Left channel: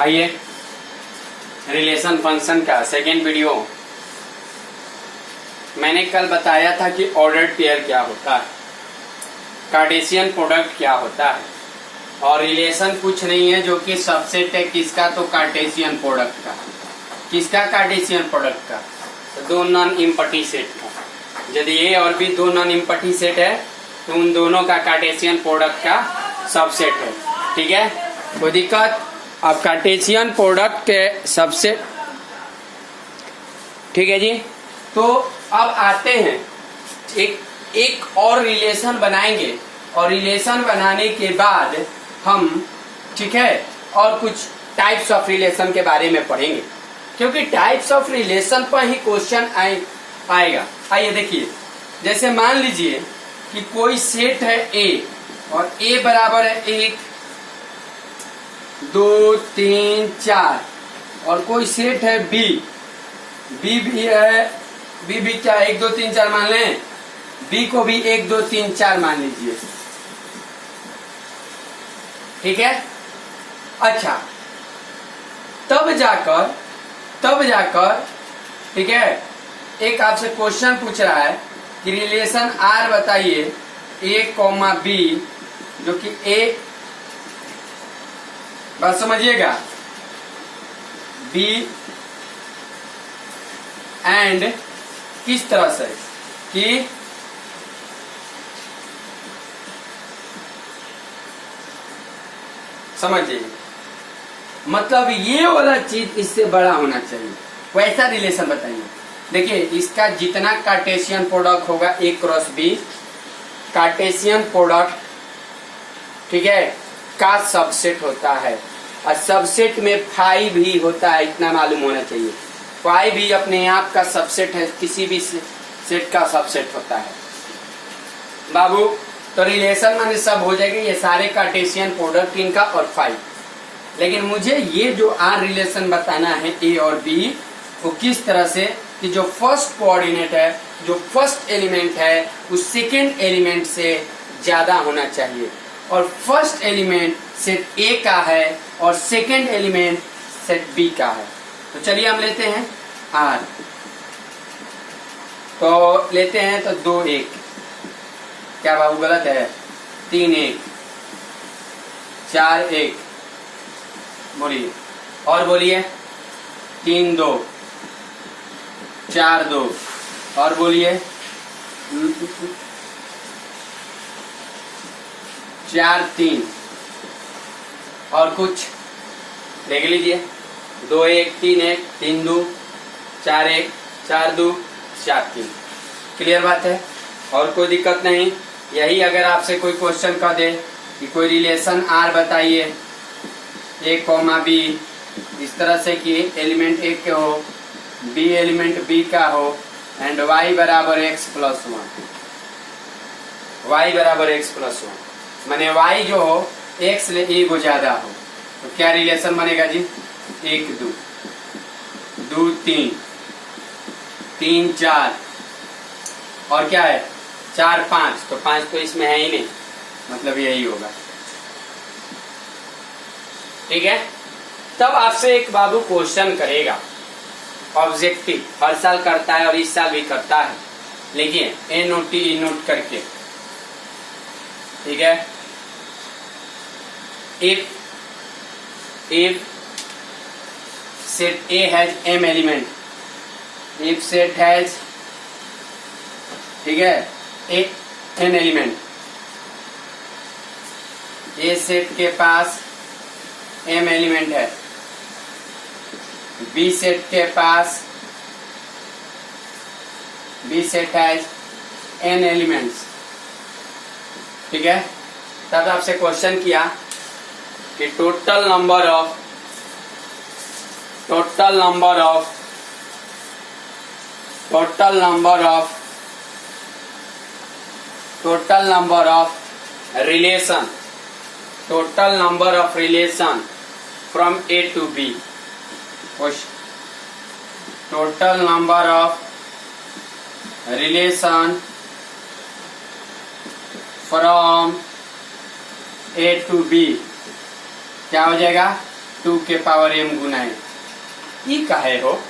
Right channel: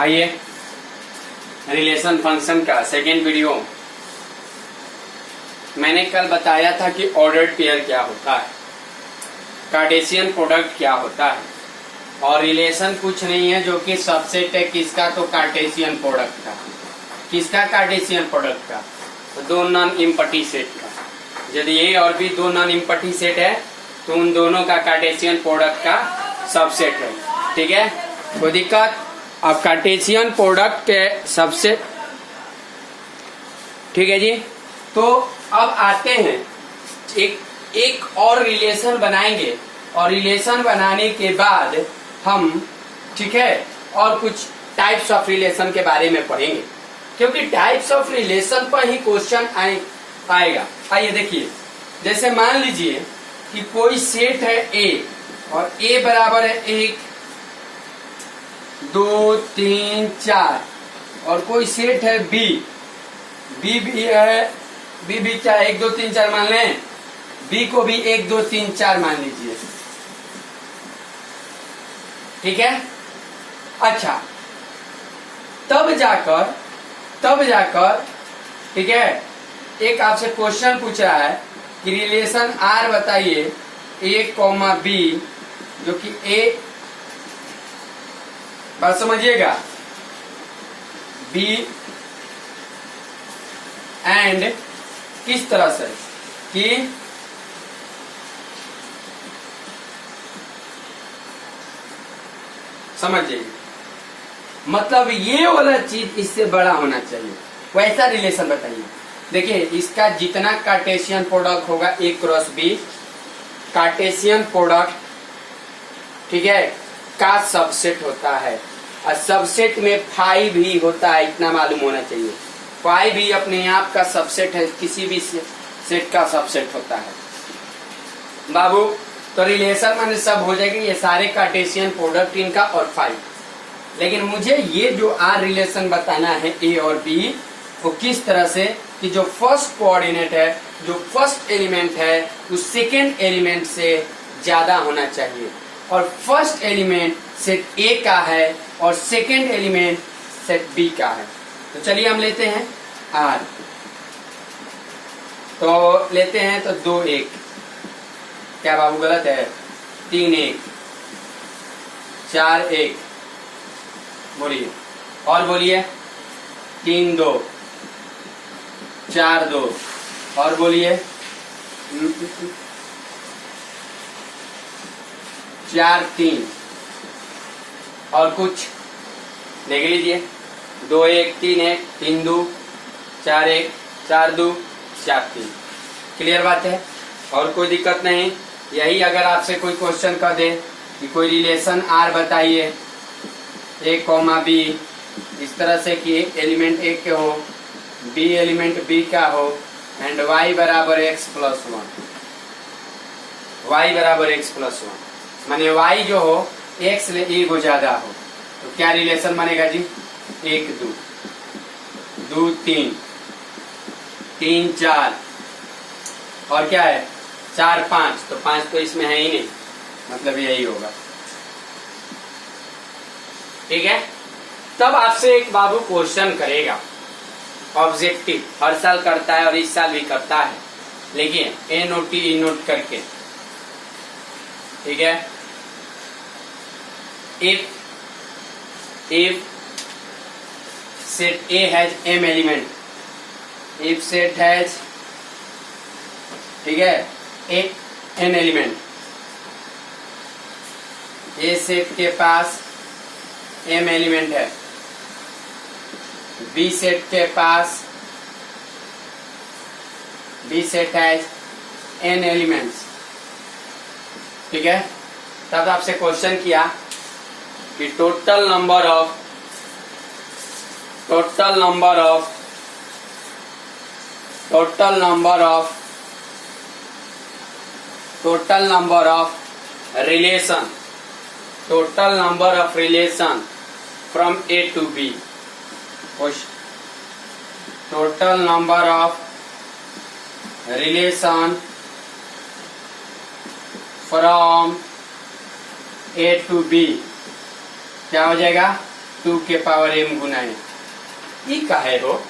आइए relation function का second video. मैंने कल बताया था कि ऑर्डर्ड पेयर क्या होता है, कार्टेशियन प्रोडक्ट क्या होता है, और रिलेशन कुछ नहीं है जो कि सबसेट है किसका, तो कार्टेशियन प्रोडक्ट का। किसका? कार्टेशियन प्रोडक्ट का, तो दो नॉन इम्पटी सेट का। यदि ए और बी दो नॉन इम्पटी सेट है तो उन दोनों का कार्टेशियन प्रोडक्ट का सबसेट है। ठीक है, कोई दिक्कत? अब कार्टेशियन प्रोडक्ट के सबसेट, ठीक है जी। तो अब आते हैं एक और रिलेशन बनाएंगे, और रिलेशन बनाने के बाद हम, ठीक है, और कुछ टाइप्स ऑफ रिलेशन के बारे में पढ़ेंगे, क्योंकि टाइप्स ऑफ रिलेशन पर ही क्वेश्चन आएगा। आइए देखिए, जैसे मान लीजिए कि कोई सेट है ए, और ए बराबर है 1 2 3 4, और कोई सेट है बी, बी भी है, बी भी क्या 1 2 3 4 मान लें, बी को भी 1 2 3 4 मान लीजिए। ठीक है, अच्छा, तब जाकर ठीक है, एक आपसे क्वेश्चन पूछ रहा है कि रिलेशन आर बताइए ए कॉमा बी, जो कि ए, बात समझिएगा, बी एंड किस तरह से कि समझिए, मतलब ये वाला चीज इससे बड़ा होना चाहिए, वैसा रिलेशन बताइए। देखिए, इसका जितना कार्टेशियन प्रोडक्ट होगा ए क्रॉस बी, कार्टेशियन प्रोडक्ट, ठीक है, का सबसेट होता है, और सबसेट में फाइव भी होता है, इतना मालूम होना चाहिए। फाइव भी अपने आप का सबसेट है, किसी भी सेट का सबसेट होता है बाबू। तो रिलेशन माने सब हो जाएगी, ये सारे कार्टेशियन प्रोडक्ट इनका और फाइव। लेकिन मुझे ये जो आर रिलेशन बताना है ए और बी, वो किस तरह से कि जो फर्स्ट कोऑर्डिनेट है, जो फर्स्ट एलिमेंट है, उस सेकेंड एलिमेंट से ज्यादा होना चाहिए, और फर्स्ट एलिमेंट सेट ए का है और सेकेंड एलिमेंट सेट बी का है। तो चलिए हम लेते हैं आर, तो लेते हैं तो 2 1, क्या बाबू गलत है, 3 1, 4 1, बोलिए, और बोलिए, 3 2, 4 2, और बोलिए, 4 3, और कुछ देख लीजिए, 2 1 3 1, 3 2 4 1, 4 2 4 3। क्लियर बात है, और कोई दिक्कत नहीं। यही अगर आपसे कोई क्वेश्चन कर दे कि कोई रिलेशन आर बताइए ए कॉमा बी, इस तरह से कि एलिमेंट ए के हो, बी एलिमेंट बी का हो, एंड y बराबर x प्लस 1, y बराबर x प्लस 1, माने y जो हो x ले ए को ज्यादा हो, तो क्या रिलेशन बनेगा जी? 1 2 2 3 3 4, और क्या है 4 5, तो 5 तो इसमें है ही नहीं, मतलब यही होगा। ठीक है, तब आपसे एक बाबू क्वेश्चन करेगा, ऑब्जेक्टिव, हर साल करता है और इस साल भी करता है, लेकिन ए नोट टी नोट करके, ठीक है। If set A has m element, if set has, ठीक है, n एलिमेंट, ए सेट के पास m एलिमेंट है, बी सेट के पास, B set has n elements, ठीक है। तब आपसे क्वेश्चन किया कि total number of relation from A to B, total number of relation from A to B क्या हो जाएगा? 2 के पावर m गुना m। ई का है हो,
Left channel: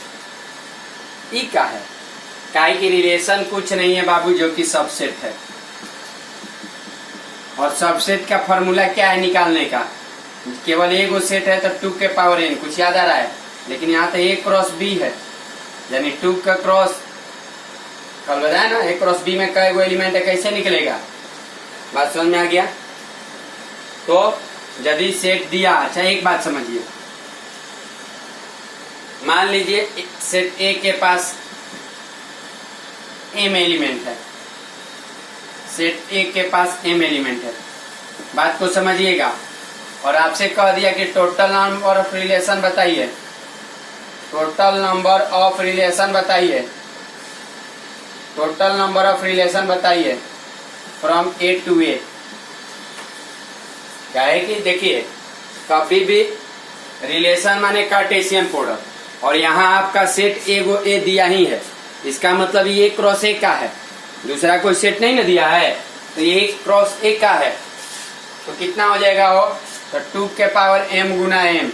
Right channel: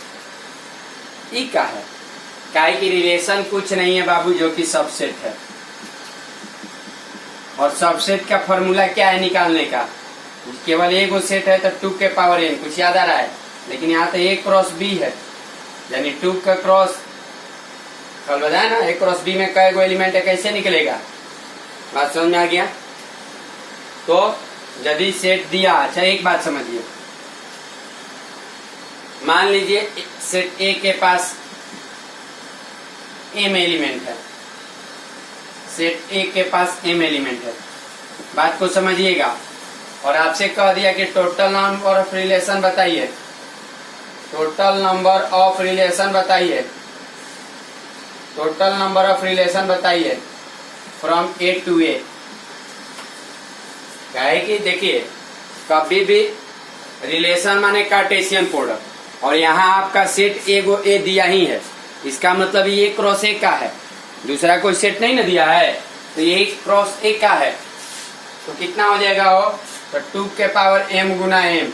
ई का है काहे की रिलेशन कुछ नहीं है बाबू जो कि सबसेट है। और सबसेट का फॉर्मूला क्या है निकालने का, केवल एक गो सेट है तो 2 के पावर n, कुछ याद आ रहा है। लेकिन यहाँ तो a क्रॉस b है, यानी 2 का क्रॉस, कल बताया ना a क्रॉस b में कई गो एलिमेंट है, कैसे निकलेगा, बात समझ में आ गया। तो यदि सेट दिया, अच्छा एक बात समझिए, मान लीजिए सेट A के पास m एलिमेंट है, सेट A के पास m एलिमेंट है, बात को समझिएगा। और आपसे कह दिया कि टोटल नंबर ऑफ रिलेशन बताइए, टोटल नंबर ऑफ रिलेशन बताइए, टोटल नंबर ऑफ रिलेशन बताइए फ्रॉम A टू A। क्या है कि देखिए कभी भी रिलेशन माने कार्टेशियन प्रोडक्ट, और यहाँ आपका सेट एगो ए दिया ही है, इसका मतलब ये क्रॉस ए का है, दूसरा कोई सेट नहीं ना दिया है, तो ये क्रॉस ए का है। तो कितना हो जाएगा हो, तो 2 के पावर m गुना m,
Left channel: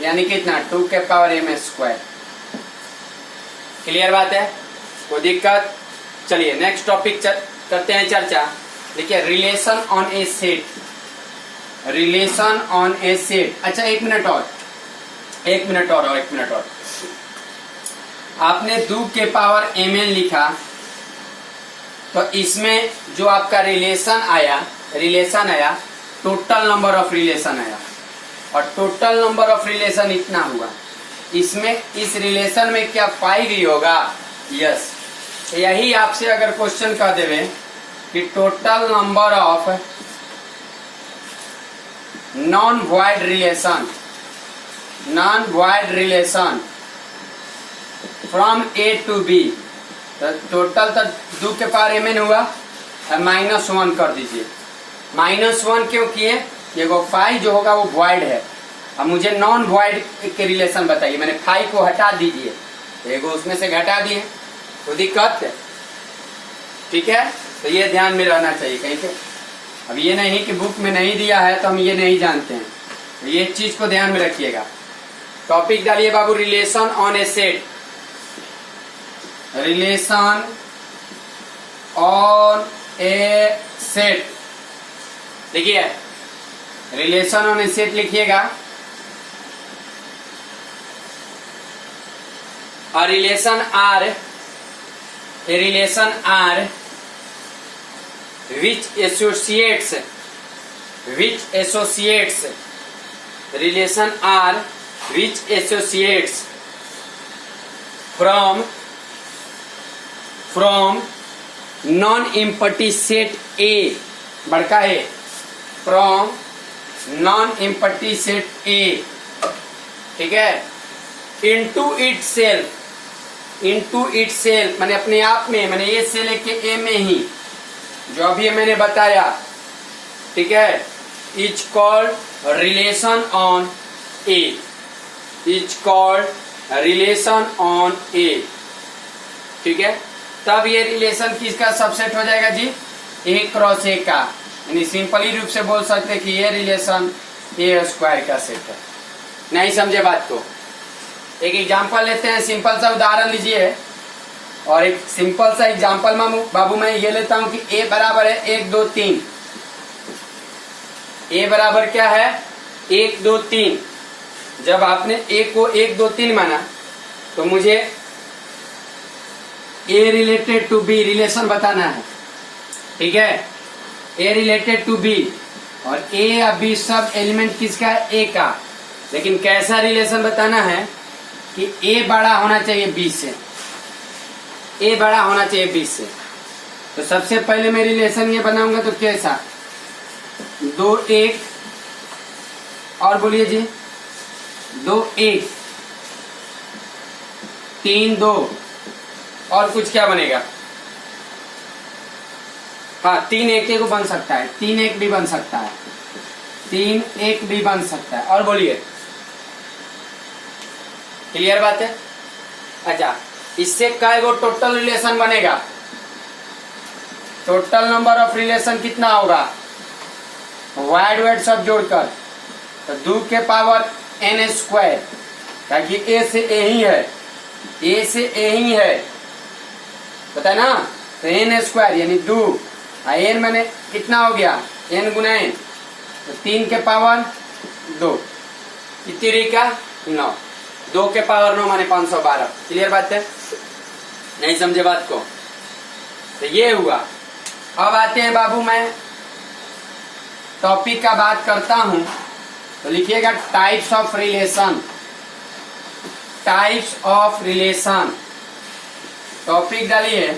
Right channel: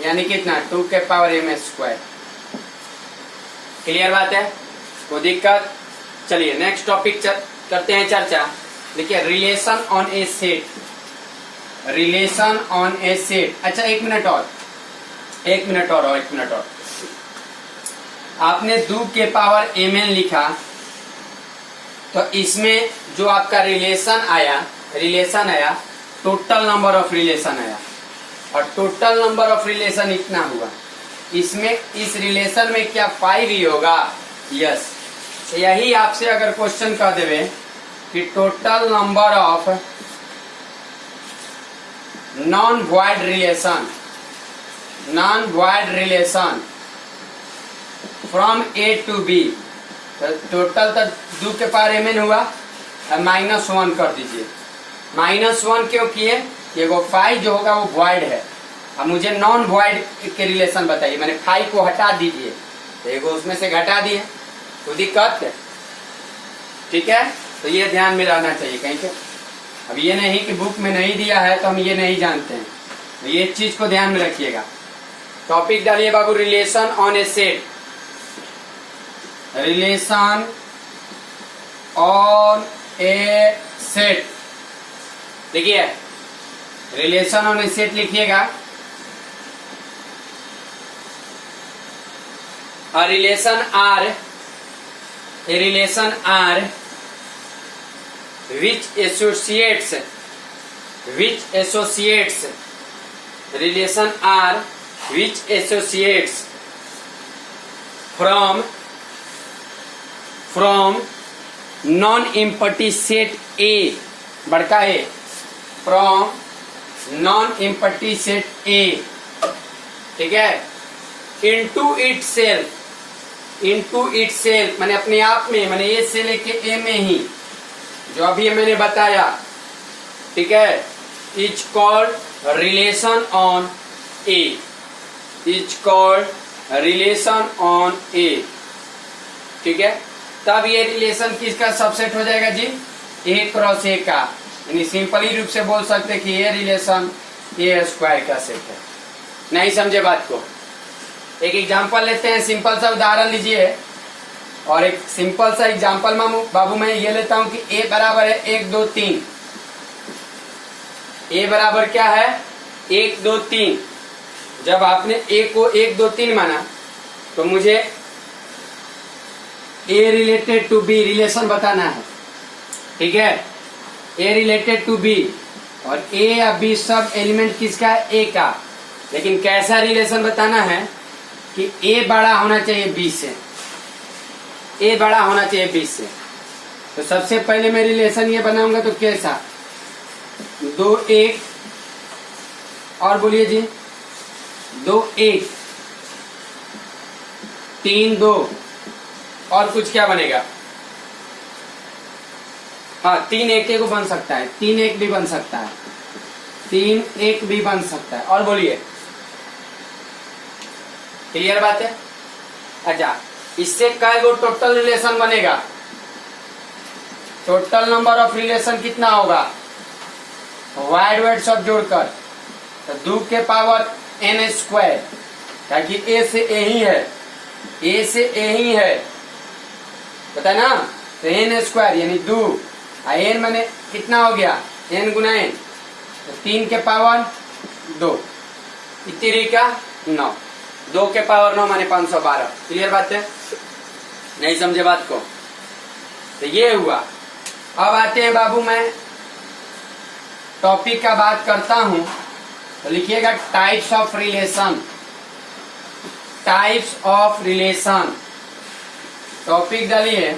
यानी कितना 2 के पावर m स्क्वायर। क्लियर बात है, कोई दिक्कत। चलिए नेक्स्ट टॉपिक करते हैं चर्चा। देखिए relation on a set, relation on a set. अच्छा एक मिनट और, एक मिनट और आपने 2 के पावर mn लिखा, तो इसमें जो आपका रिलेशन आया टोटल नंबर ऑफ रिलेशन आया, और टोटल नंबर ऑफ रिलेशन इतना हुआ। इसमें इस रिलेशन में क्या 5 ही होगा, यस। यही आपसे अगर क्वेश्चन कर देवे कि total number of non void relation from A to B, तो टोटल तो 2 के पावर mn हुआ, -1 कर दीजिए। -1 क्यों किए, देखो 5 जो होगा वो वॉइड है, अब मुझे नॉन वॉइड के रिलेशन बताइए, मैंने 5 को हटा दीजिए, देखो उसमें से घटा दिए, तो दिक्कत है। ठीक है, तो ये ध्यान में रहना चाहिए कहीं के। अब ये नहीं कि बुक में नहीं दिया है तो हम ये नहीं जानते हैं, तो ये चीज को ध्यान में रखिएगा। टॉपिक डालिए बाबू, relation on a set, relation on a set. देखिए रिलेशन ऑन ए सेट लिखिएगा, a relation R which associates relation R which associates from non-empty set A, बड़का A, from non-empty set A, ठीक है, into itself मैंने अपने आप में, मैंने ए से लेके ए में ही, जो अभी मैंने बताया, ठीक है, is called relation on A, is called relation on A. ठीक है, तब ये रिलेशन किसका सबसेट हो जाएगा जी, ए क्रॉस ए का, यानी सिंपली रूप से बोल सकते कि ये रिलेशन ए स्क्वायर का सेट है। नहीं समझे बात को, एक एग्जांपल लेते हैं, सिंपल सा उदाहरण लीजिए, और एक सिंपल सा एग्जांपल बाबू मैं ये लेता हूं कि a बराबर है 1 2 3, a बराबर क्या है 1 2 3। जब आपने a को 1 2 3 माना तो मुझे a related to b relation बताना है, ठीक है, a रिलेटेड टू b, और a या b सब एलिमेंट किसका है, a का, लेकिन कैसा रिलेशन बताना है कि a बड़ा होना चाहिए b से, a बड़ा होना चाहिए b से। तो सबसे पहले मैं रिलेशन ये बनाऊंगा, तो कैसा 2 1, और बोलिए जी 2 1 3 2, और कुछ क्या बनेगा, हाँ 3 1 को बन सकता है, 3 1 भी बन सकता है, 3 1 भी बन सकता है, और बोलिए क्लियर बात है। अच्छा इससे काय गो टोटल रिलेशन बनेगा, टोटल नंबर ऑफ रिलेशन कितना होगा, वाइड वाइड सब जोड़कर, तो 2 के पावर एन स्क्वायर, ताकि ए से ए ही है, ए से ए ही है, पता है ना। तो एन स्क्वायर यानी 2, एन मैंने कितना हो गया, एन गुना एन, तो 3 के पावर 2, इतनी का 9, 2 के पावर 9 माने 512। क्लियर बात है, नहीं समझे बात को। तो ये हुआ। अब आते हैं बाबू, मैं टॉपिक का बात करता हूं, तो लिखिएगा types of relation, types of relation. Topic डालिए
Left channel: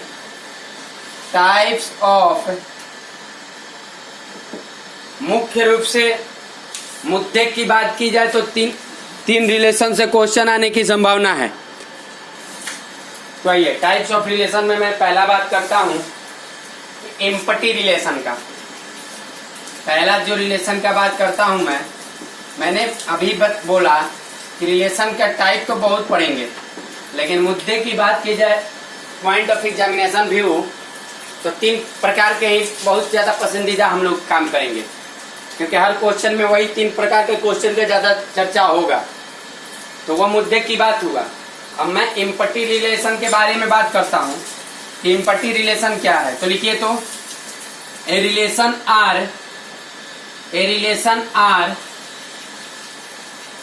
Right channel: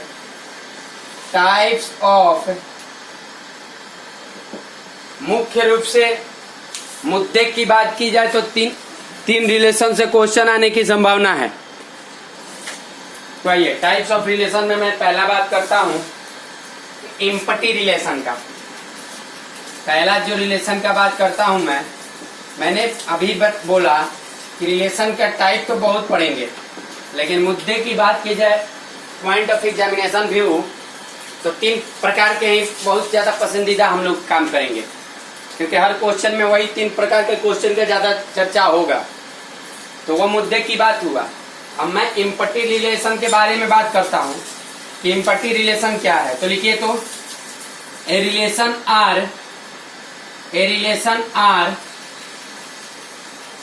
टाइप्स ऑफ, मुख्य रूप से मुद्दे की बात की जाए तो तीन रिलेशन से क्वेश्चन आने की संभावना है। तो आइए टाइप्स ऑफ रिलेशन में मैं पहला बात करता हूं एम्पटी रिलेशन का। पहला जो रिलेशन का बात करता हूं मैंने अभी बोला कि रिलेशन का टाइप तो बहुत पढ़ेंगे, लेकिन मुद्दे की बात की जाए पॉइंट ऑफ एग्जामिनेशन व्यू, तो 3 प्रकार के ही बहुत ज्यादा पसंदीदा हम लोग काम करेंगे, क्योंकि हर क्वेश्चन में वही 3 प्रकार के क्वेश्चन का ज्यादा चर्चा होगा। तो वो मुद्दे की बात हुआ। अब मैं एम्पटी रिलेशन के बारे में बात करता हूं कि एम्पटी रिलेशन क्या है। तो लिखिए, तो a relation R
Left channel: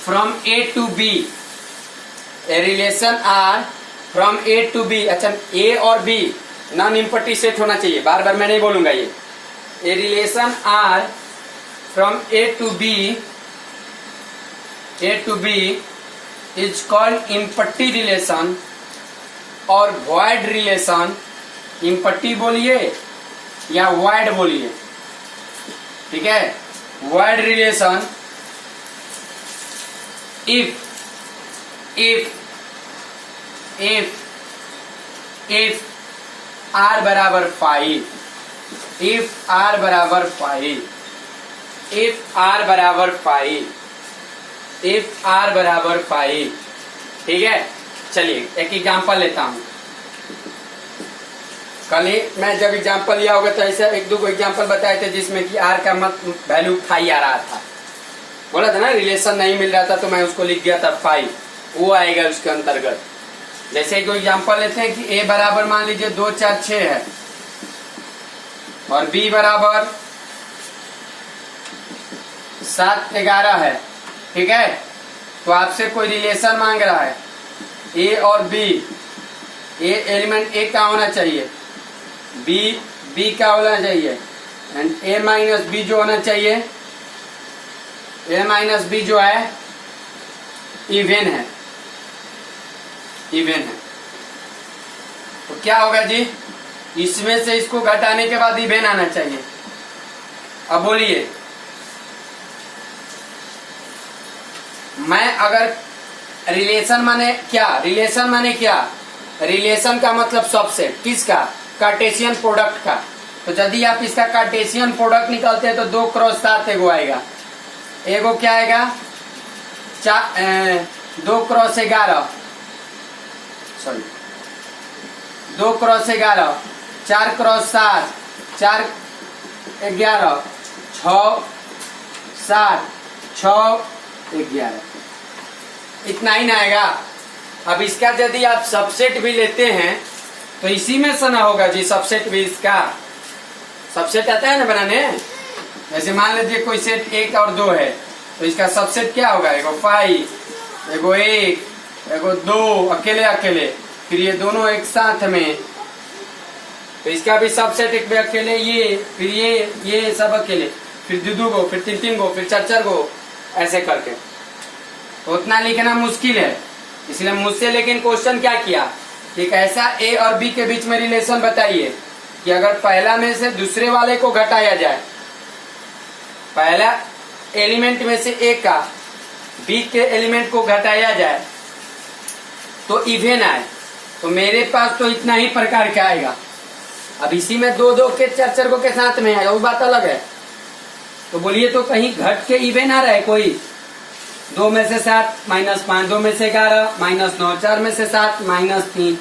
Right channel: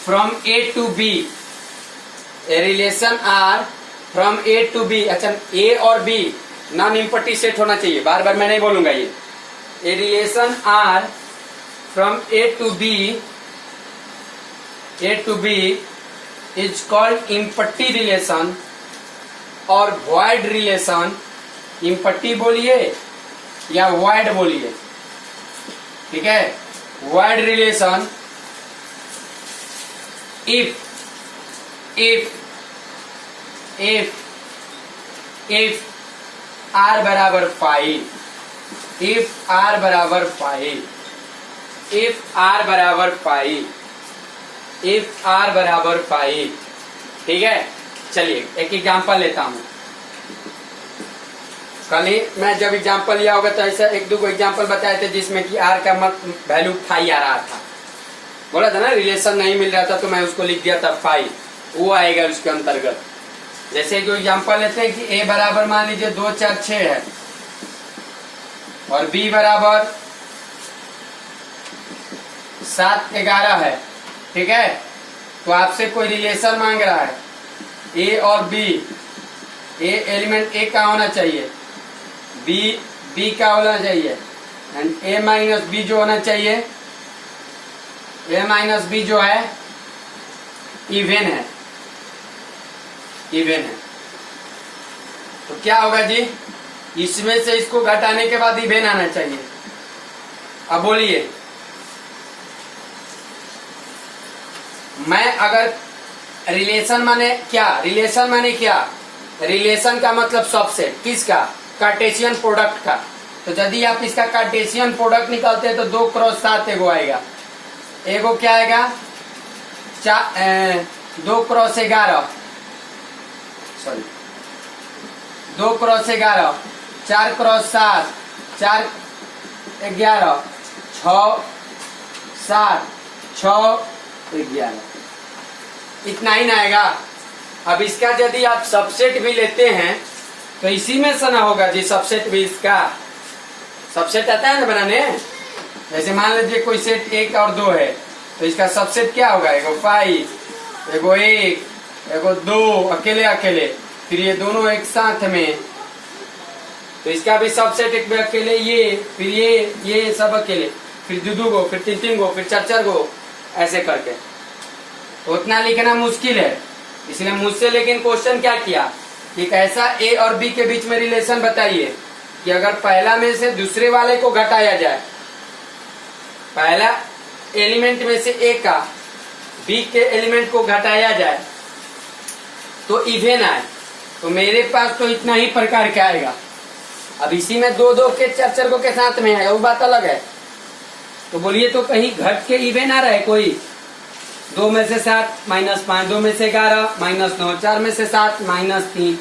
from A to B, a relation R from A to B. अच्छा, ए और बी नॉन एम्पटी सेट होना चाहिए, बार बार मैं नहीं बोलूंगा ये। A relation R from A to B is called empty relation और वॉइड रिलेशन। इम्पट्टी बोलिए या वॉइड बोलिए, ठीक है। वॉइड रिलेशन इफ आर बराबर 5, इफ आर बराबर 5, इफ आर बराबर 5, इफ आर बराबर 5, ठीक है। चलिए एक एग्जांपल लेता हूं। कल ही मैं जब एग्जांपल लिया होगा तो ऐसा 1-2 एग्जांपल बताए थे जिसमें कि आर का वैल्यू 5 आ रहा था। बोला था ना, रिलेशन नहीं मिल रहा था तो मैं उसको लिख दिया था 5, वो आएगा उसके अंतर्गत। जैसे जो एग्जांपल लेते हैं कि ए बराबर मान लीजिए 2, 4, 6 है और बी बराबर 7, 11 है, ठीक है। तो आपसे कोई रिलेशन मांग रहा है ए और बी, ए एलिमेंट ए का होना चाहिए, बी का होना चाहिए, एंड ए माइनस बी जो होना चाहिए, ए माइनस बी जो है इवन है, इवन है। तो क्या होगा जी, इसमें से इसको घटाने के बाद इवन आना चाहिए। अब बोलिए, मैं अगर रिलेशन माने क्या, रिलेशन माने क्या, रिलेशन का मतलब सबसेट, किसका, कार्टेशियन प्रोडक्ट का। तो यदि आप इसका कार्टेशियन प्रोडक्ट निकालते हैं तो 2 क्रॉस 7 एगो आएगा, एगो क्या आएगा 2 क्रॉस 11, सॉरी 2 क्रॉस 11, 4 क्रॉस 7, 4 11, 6 7, 6 11, इतना ही ना आएगा। अब इसका यदि आप सबसेट भी लेते हैं तो इसी में से ना होगा जी, सबसेट भी इसका सबसेट आता है ना बनाने। जैसे मान लीजिए कोई सेट 1 और 2 है तो इसका सबसेट क्या होगा, एगो 5, एगो 1, एगो 2 अकेले अकेले, फिर ये दोनों एक साथ में, तो इसका भी सबसेट एक अकेले, ये फिर ये सब अकेले, फिर 2 गो, फिर 3 गो, फिर 4 गो, ऐसे करके। उतना लिखना मुश्किल है, इसलिए मुझसे लेकिन क्वेश्चन क्या किया कि एक ऐसा ए और बी के बीच में रिलेशन बताइए कि अगर पहला में से दूसरे वाले को घटाया जाए, पहला एलिमेंट में से ए का बी के एलिमेंट को घटाया जाए तो इवन आए। तो मेरे पास तो इतना ही प्रकार का आएगा। अब इसी में 2-2 के 4-4 को के साथ में है, वो बात अलग है। तो बोलिए, तो कहीं घट के इवन आ रहा है कोई, 2 में से 7 माइनस 5, 2 में से 11 माइनस 9, 4 में से 7 माइनस 3,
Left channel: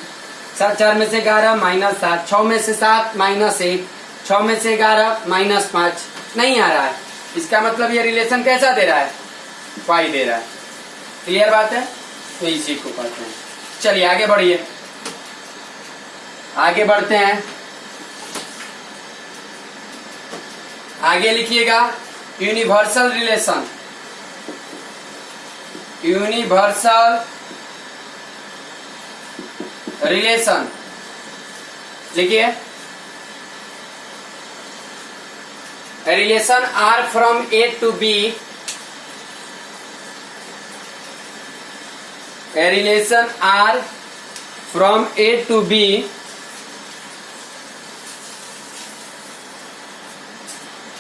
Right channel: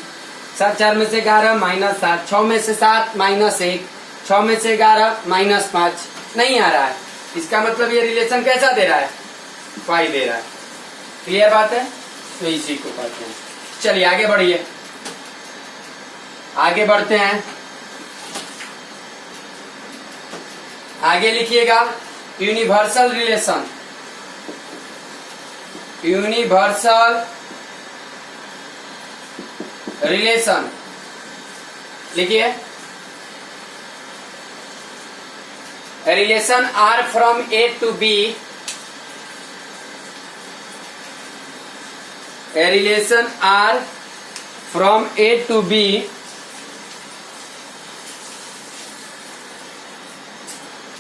4 में से 11 माइनस 7, 6 में से 7 माइनस 1, 6 में से 11 माइनस 5, नहीं आ रहा है। इसका मतलब ये रिलेशन कैसा दे रहा है, 5 दे रहा है। क्लियर बात है? तो इसी को कहते हैं। चलिए आगे बढ़िए, आगे बढ़ते हैं। आगे लिखिएगा यूनिवर्सल रिलेशन। यूनिवर्सल रिलेशन लिखिए। Relation R from A to B, a relation R from A to B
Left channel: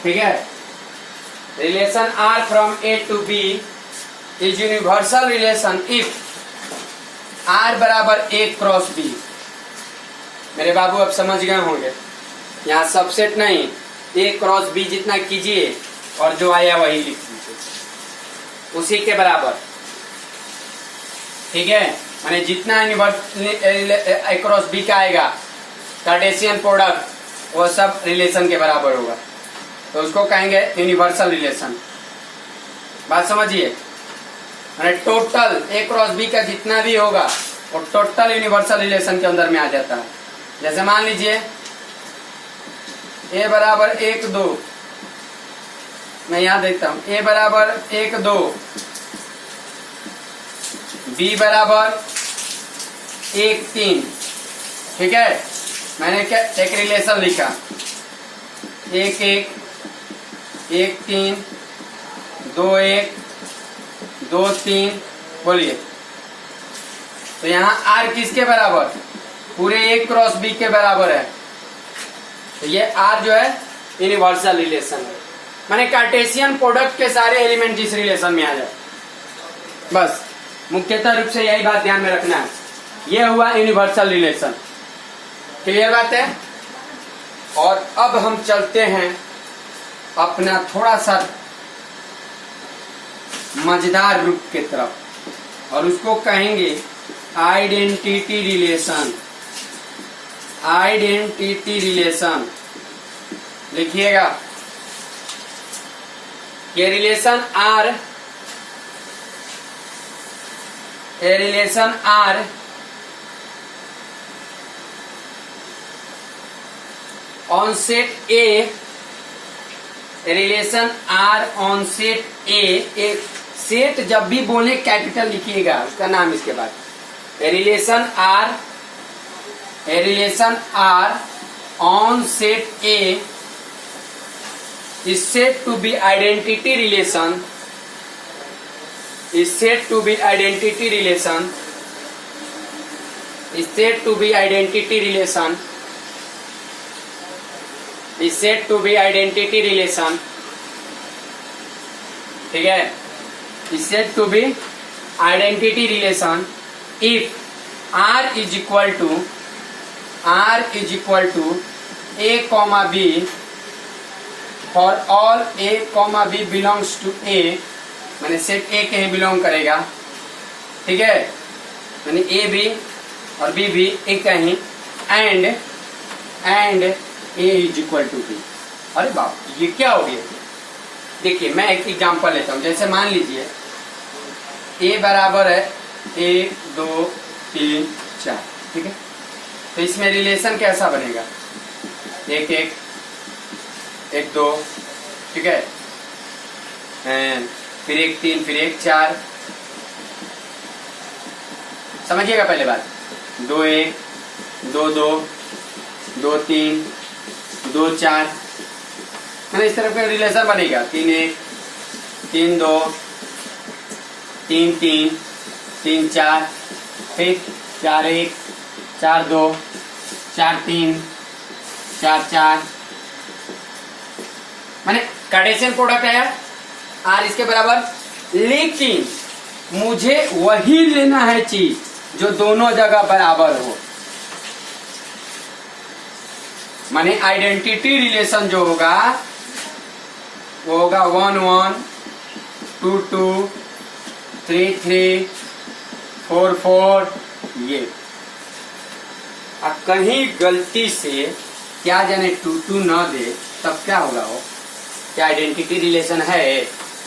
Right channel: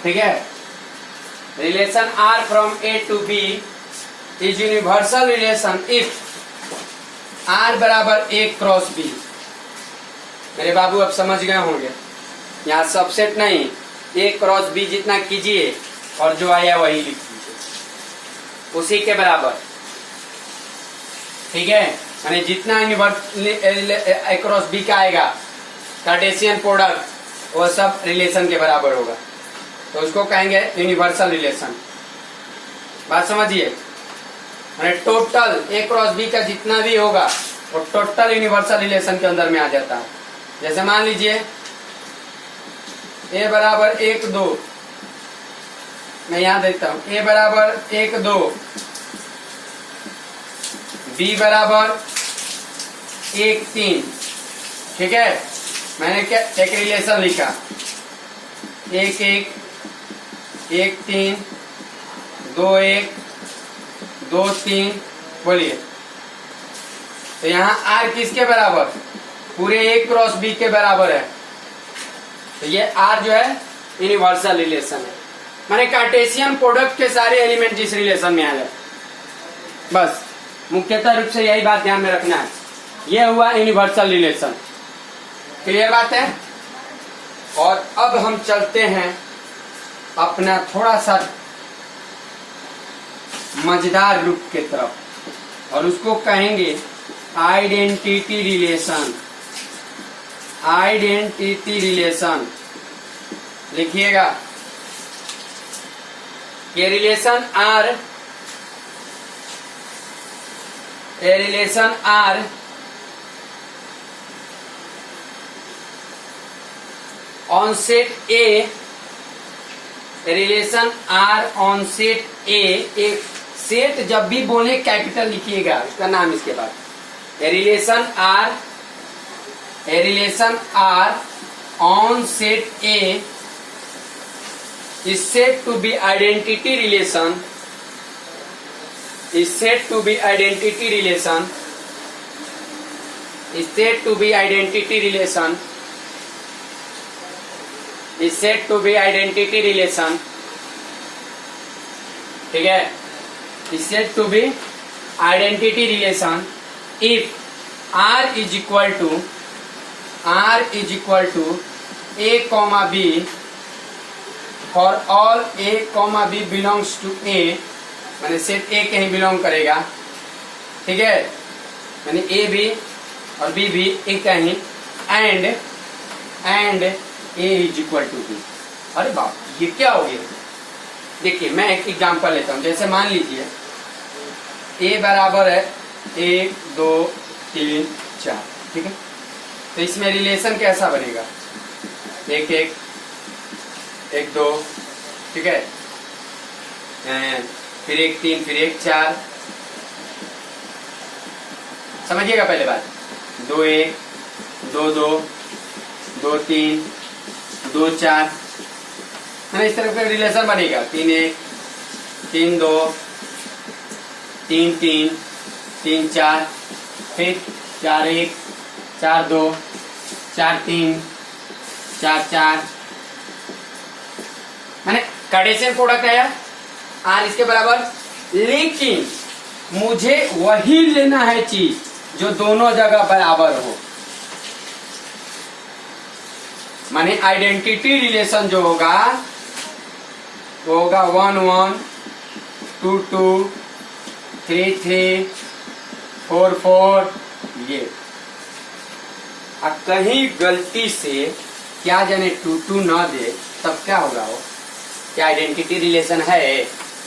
ठीक है। Relation R from A to B is universal relation if R बराबर A क्रॉस B। मेरे बाबू अब समझ गए होंगे, यहाँ सबसेट नहीं, A क्रॉस B जितना कीजिए और जो आया वही लिख दीजिए, उसी के बराबर। ठीक है, माने जितना A क्रॉस B का आएगा कार्टेशियन प्रोडक्ट वो सब रिलेशन के बराबर होगा, तो उसको कहेंगे यूनिवर्सल रिलेशन। बात समझिए, माने टोटल A क्रॉस B का जितना भी होगा वो टोटल यूनिवर्सल रिलेशन के अंदर में आ जाता है। जैसे मान लीजिए A बराबर 1 2, मैं यहां देखता हूं, A बराबर 1 2, B बराबर 1 3। ठीक है, मैंने क्या एक रिलेशन लिखा, 1 1 1 3 2 1 2 3, बोलिए। तो यहाँ R किसके बराबर? पूरे A क्रॉस B के बराबर है, तो ये R जो है यूनिवर्सल रिलेशन है। माने कार्टेशियन प्रोडक्ट के सारे एलिमेंट जिस रिलेशन में आ जाए, बस मुख्यतः रूप से यही बात ध्यान में रखना है। ये हुआ यूनिवर्सल रिलेशन। क्लियर बात है? और अब हम चलते हैं अपना थोड़ा सा मजेदार रूप की तरफ, और उसको कहेंगे आइडेंटिटी रिलेशन। आइडेंटिटी रिलेशन लिखिएगा। ये relation R, a relation R on set A, relation R on set A, एक सेट जब भी बोले कैपिटल लिखिएगा, उसका नाम इसके बाद। a relation R on set A is said to be identity relation, is said to be identity relation, is said to be identity relation, is said to be identity relation। ठीक है, is said to be identity relation if R is equal to A comma B for all A comma B belongs to A, मैंने set ए के ही belong करेगा। ठीक है, मैंने ए भी और बी भी एक का ही, and A is equal to B. अरे बाप, ये क्या हो गया? देखिए मैं एक एग्जांपल लेता हूं। जैसे मान लीजिए ए बराबर है 1 2 3 4, ठीक है, तो इसमें रिलेशन कैसा बनेगा? 1 1 1 2, ठीक है, फिर 1 3, फिर 1 4। समझिएगा पहले बात। 2 1 2 2 2 3 2 4, है ना, इस तरह का रिलेशन बनेगा। 3 1 3 2 3 3 3 4, फिर 4 1 4 2 4 3 4 4, मैंने कार्टेशियन प्रोडक्ट है यार आर इसके बराबर। लेकिन मुझे वही लेना है चीज जो दोनों जगह बराबर हो, माने आइडेंटिटी रिलेशन जो होगा वो होगा 1 1 2 2 3 3 4 4। ये कहीं गलती से क्या जाने 2 2 न दे, तब क्या होगा? वो क्या आइडेंटिटी रिलेशन है?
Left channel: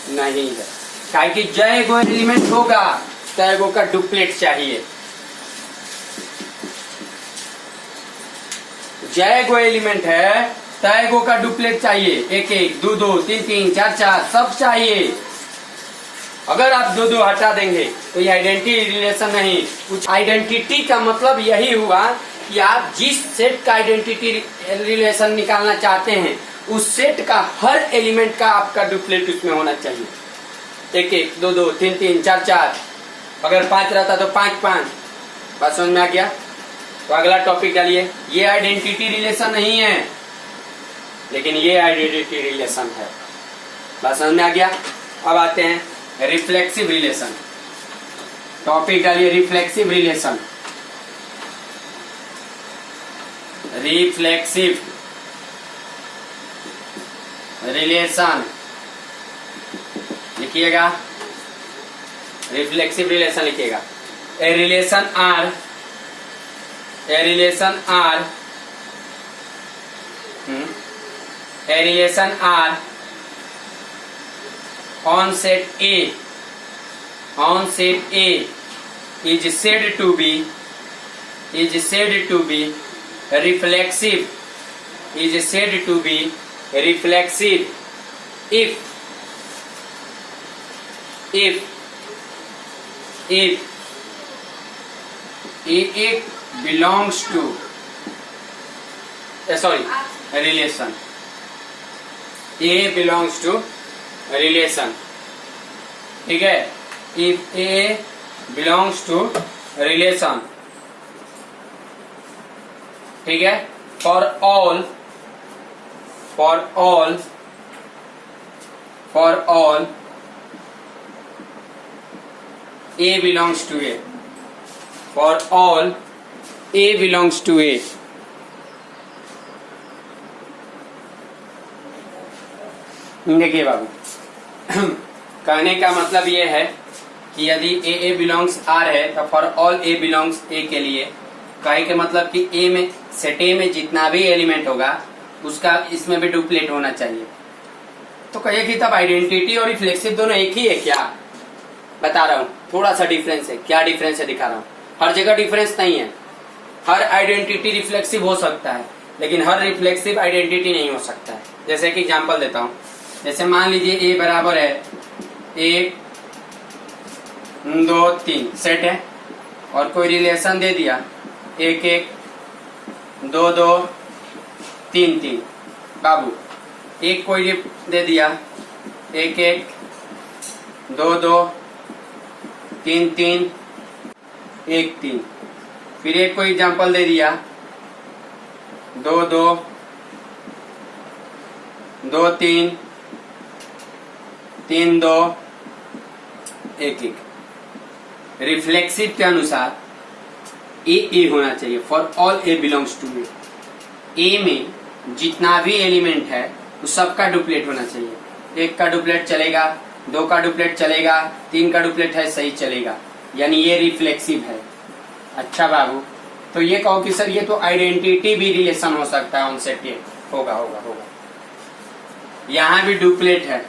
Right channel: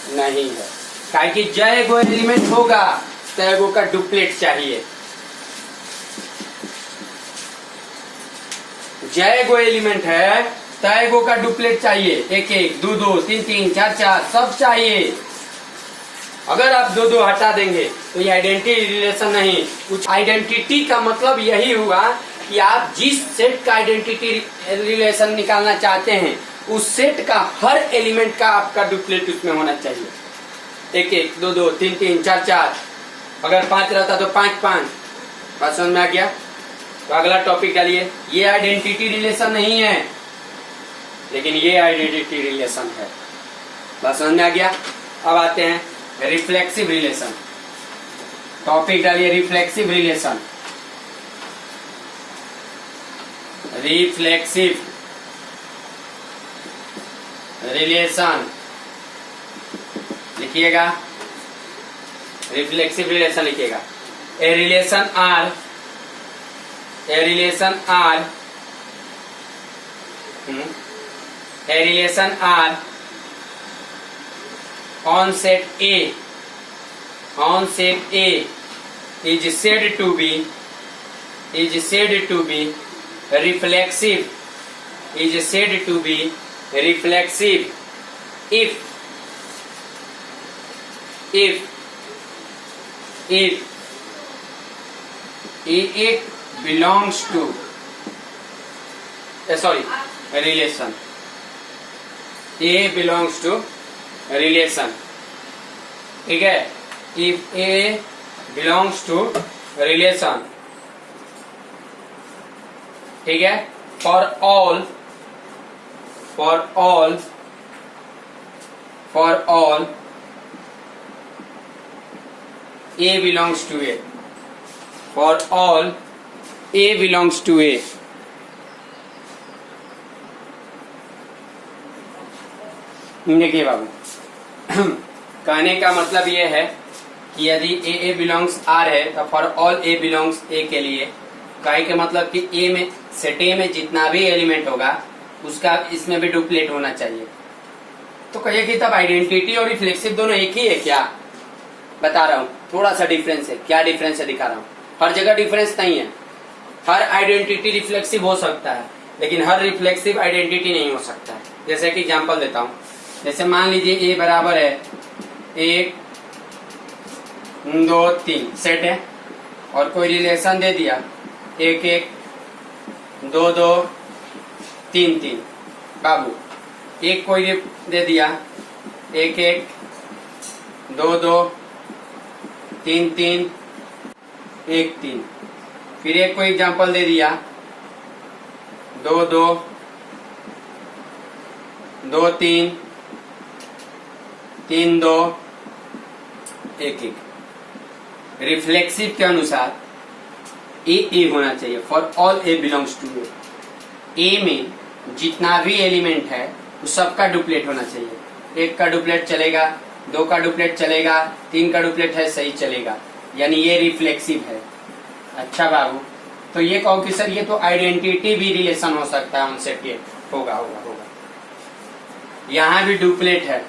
नहीं है। काहे कि जय गो एलिमेंट होगा तय गो का डुप्लेट चाहिए। जय गो एलिमेंट है तय गो का डुप्लेट चाहिए, एक एक, दो दो, तीन तीन, चार चार, सब चाहिए। अगर आप दो दो हटा देंगे तो ये आइडेंटिटी रिलेशन नहीं। कुछ आइडेंटिटी का मतलब यही हुआ कि आप जिस सेट का आइडेंटिटी रिलेशन निकालना चाहते हैं उस सेट का हर एलिमेंट का आपका डुप्लेट उसमें होना चाहिए। एक एक, दो दो, तीन तीन, चार चार, अगर 5 रहता तो 5 5। बात समझ में आ गया? तो अगला टॉपिक डालिए। ये आइडेंटिटी रिलेशन नहीं है लेकिन ये आइडेंटिटी रिलेशन है। बात समझ में आ गया? अब आते हैं रिफ्लेक्सिव रिलेशन। टॉपिक डालिए रिफ्लेक्सिव रिलेशन। रिफ्लेक्सिव रिलेशन लिखिएगा, रिफ्लेक्सिव रिलेशन लिखिएगा। A relation R, a relation R, a relation R on set A, on set A is said to be reflexive, is said to be reflexive if it belongs to relation. A belongs to relation, ठीक है? If A belongs to relation, ठीक है? For all A belongs to A, for all A belongs to A। देखिए बाबू, कहने का मतलब ये है कि यदि ए बिलोंग्स आर है तो फॉर ऑल ए बिलोंग्स ए के लिए कहे के मतलब कि ए में सेट ए में जितना भी एलिमेंट होगा उसका इसमें भी डुप्लेट होना चाहिए। तो कहिए कि तब आइडेंटिटी और रिफ्लेक्सिव दोनों एक ही है क्या? बता रहा हूँ, थोड़ा सा डिफरेंस है। क्या डिफरेंस है दिखा रहा हूँ। हर जगह डिफरेंस नहीं है। हर आइडेंटिटी रिफ्लेक्सिव हो सकता है लेकिन हर रिफ्लेक्सिव आइडेंटिटी नहीं हो सकता है। जैसे कि एग्जाम्पल देता हूँ, जैसे मान लीजिए ए बराबर है 1 2 3 सेट है और कोई रिलेशन दे दिया 1 1 2 2 3 3। बाबू एक कोई दे दिया 1 1 2 2 3 3 1 3। फिर एक कोई एग्जांपल दे दिया 2 2 2 3 3 2 1 1। रिफ्लेक्सिव के अनुसार ए होना चाहिए। For all a belongs to A में जितना भी एलिमेंट है वो सबका डुप्लेट होना चाहिए। 1 का डुप्लेट चलेगा, 2 का डुप्लेट चलेगा, 3 का डुप्लेट है सही चलेगा, यानी ये रिफ्लेक्सिव है। अच्छा बाबू, तो ये कहो कि सर ये तो आइडेंटिटी भी रिलेशन हो सकता है उनसे। होगा होगा होगा, यहाँ भी डुप्लेट है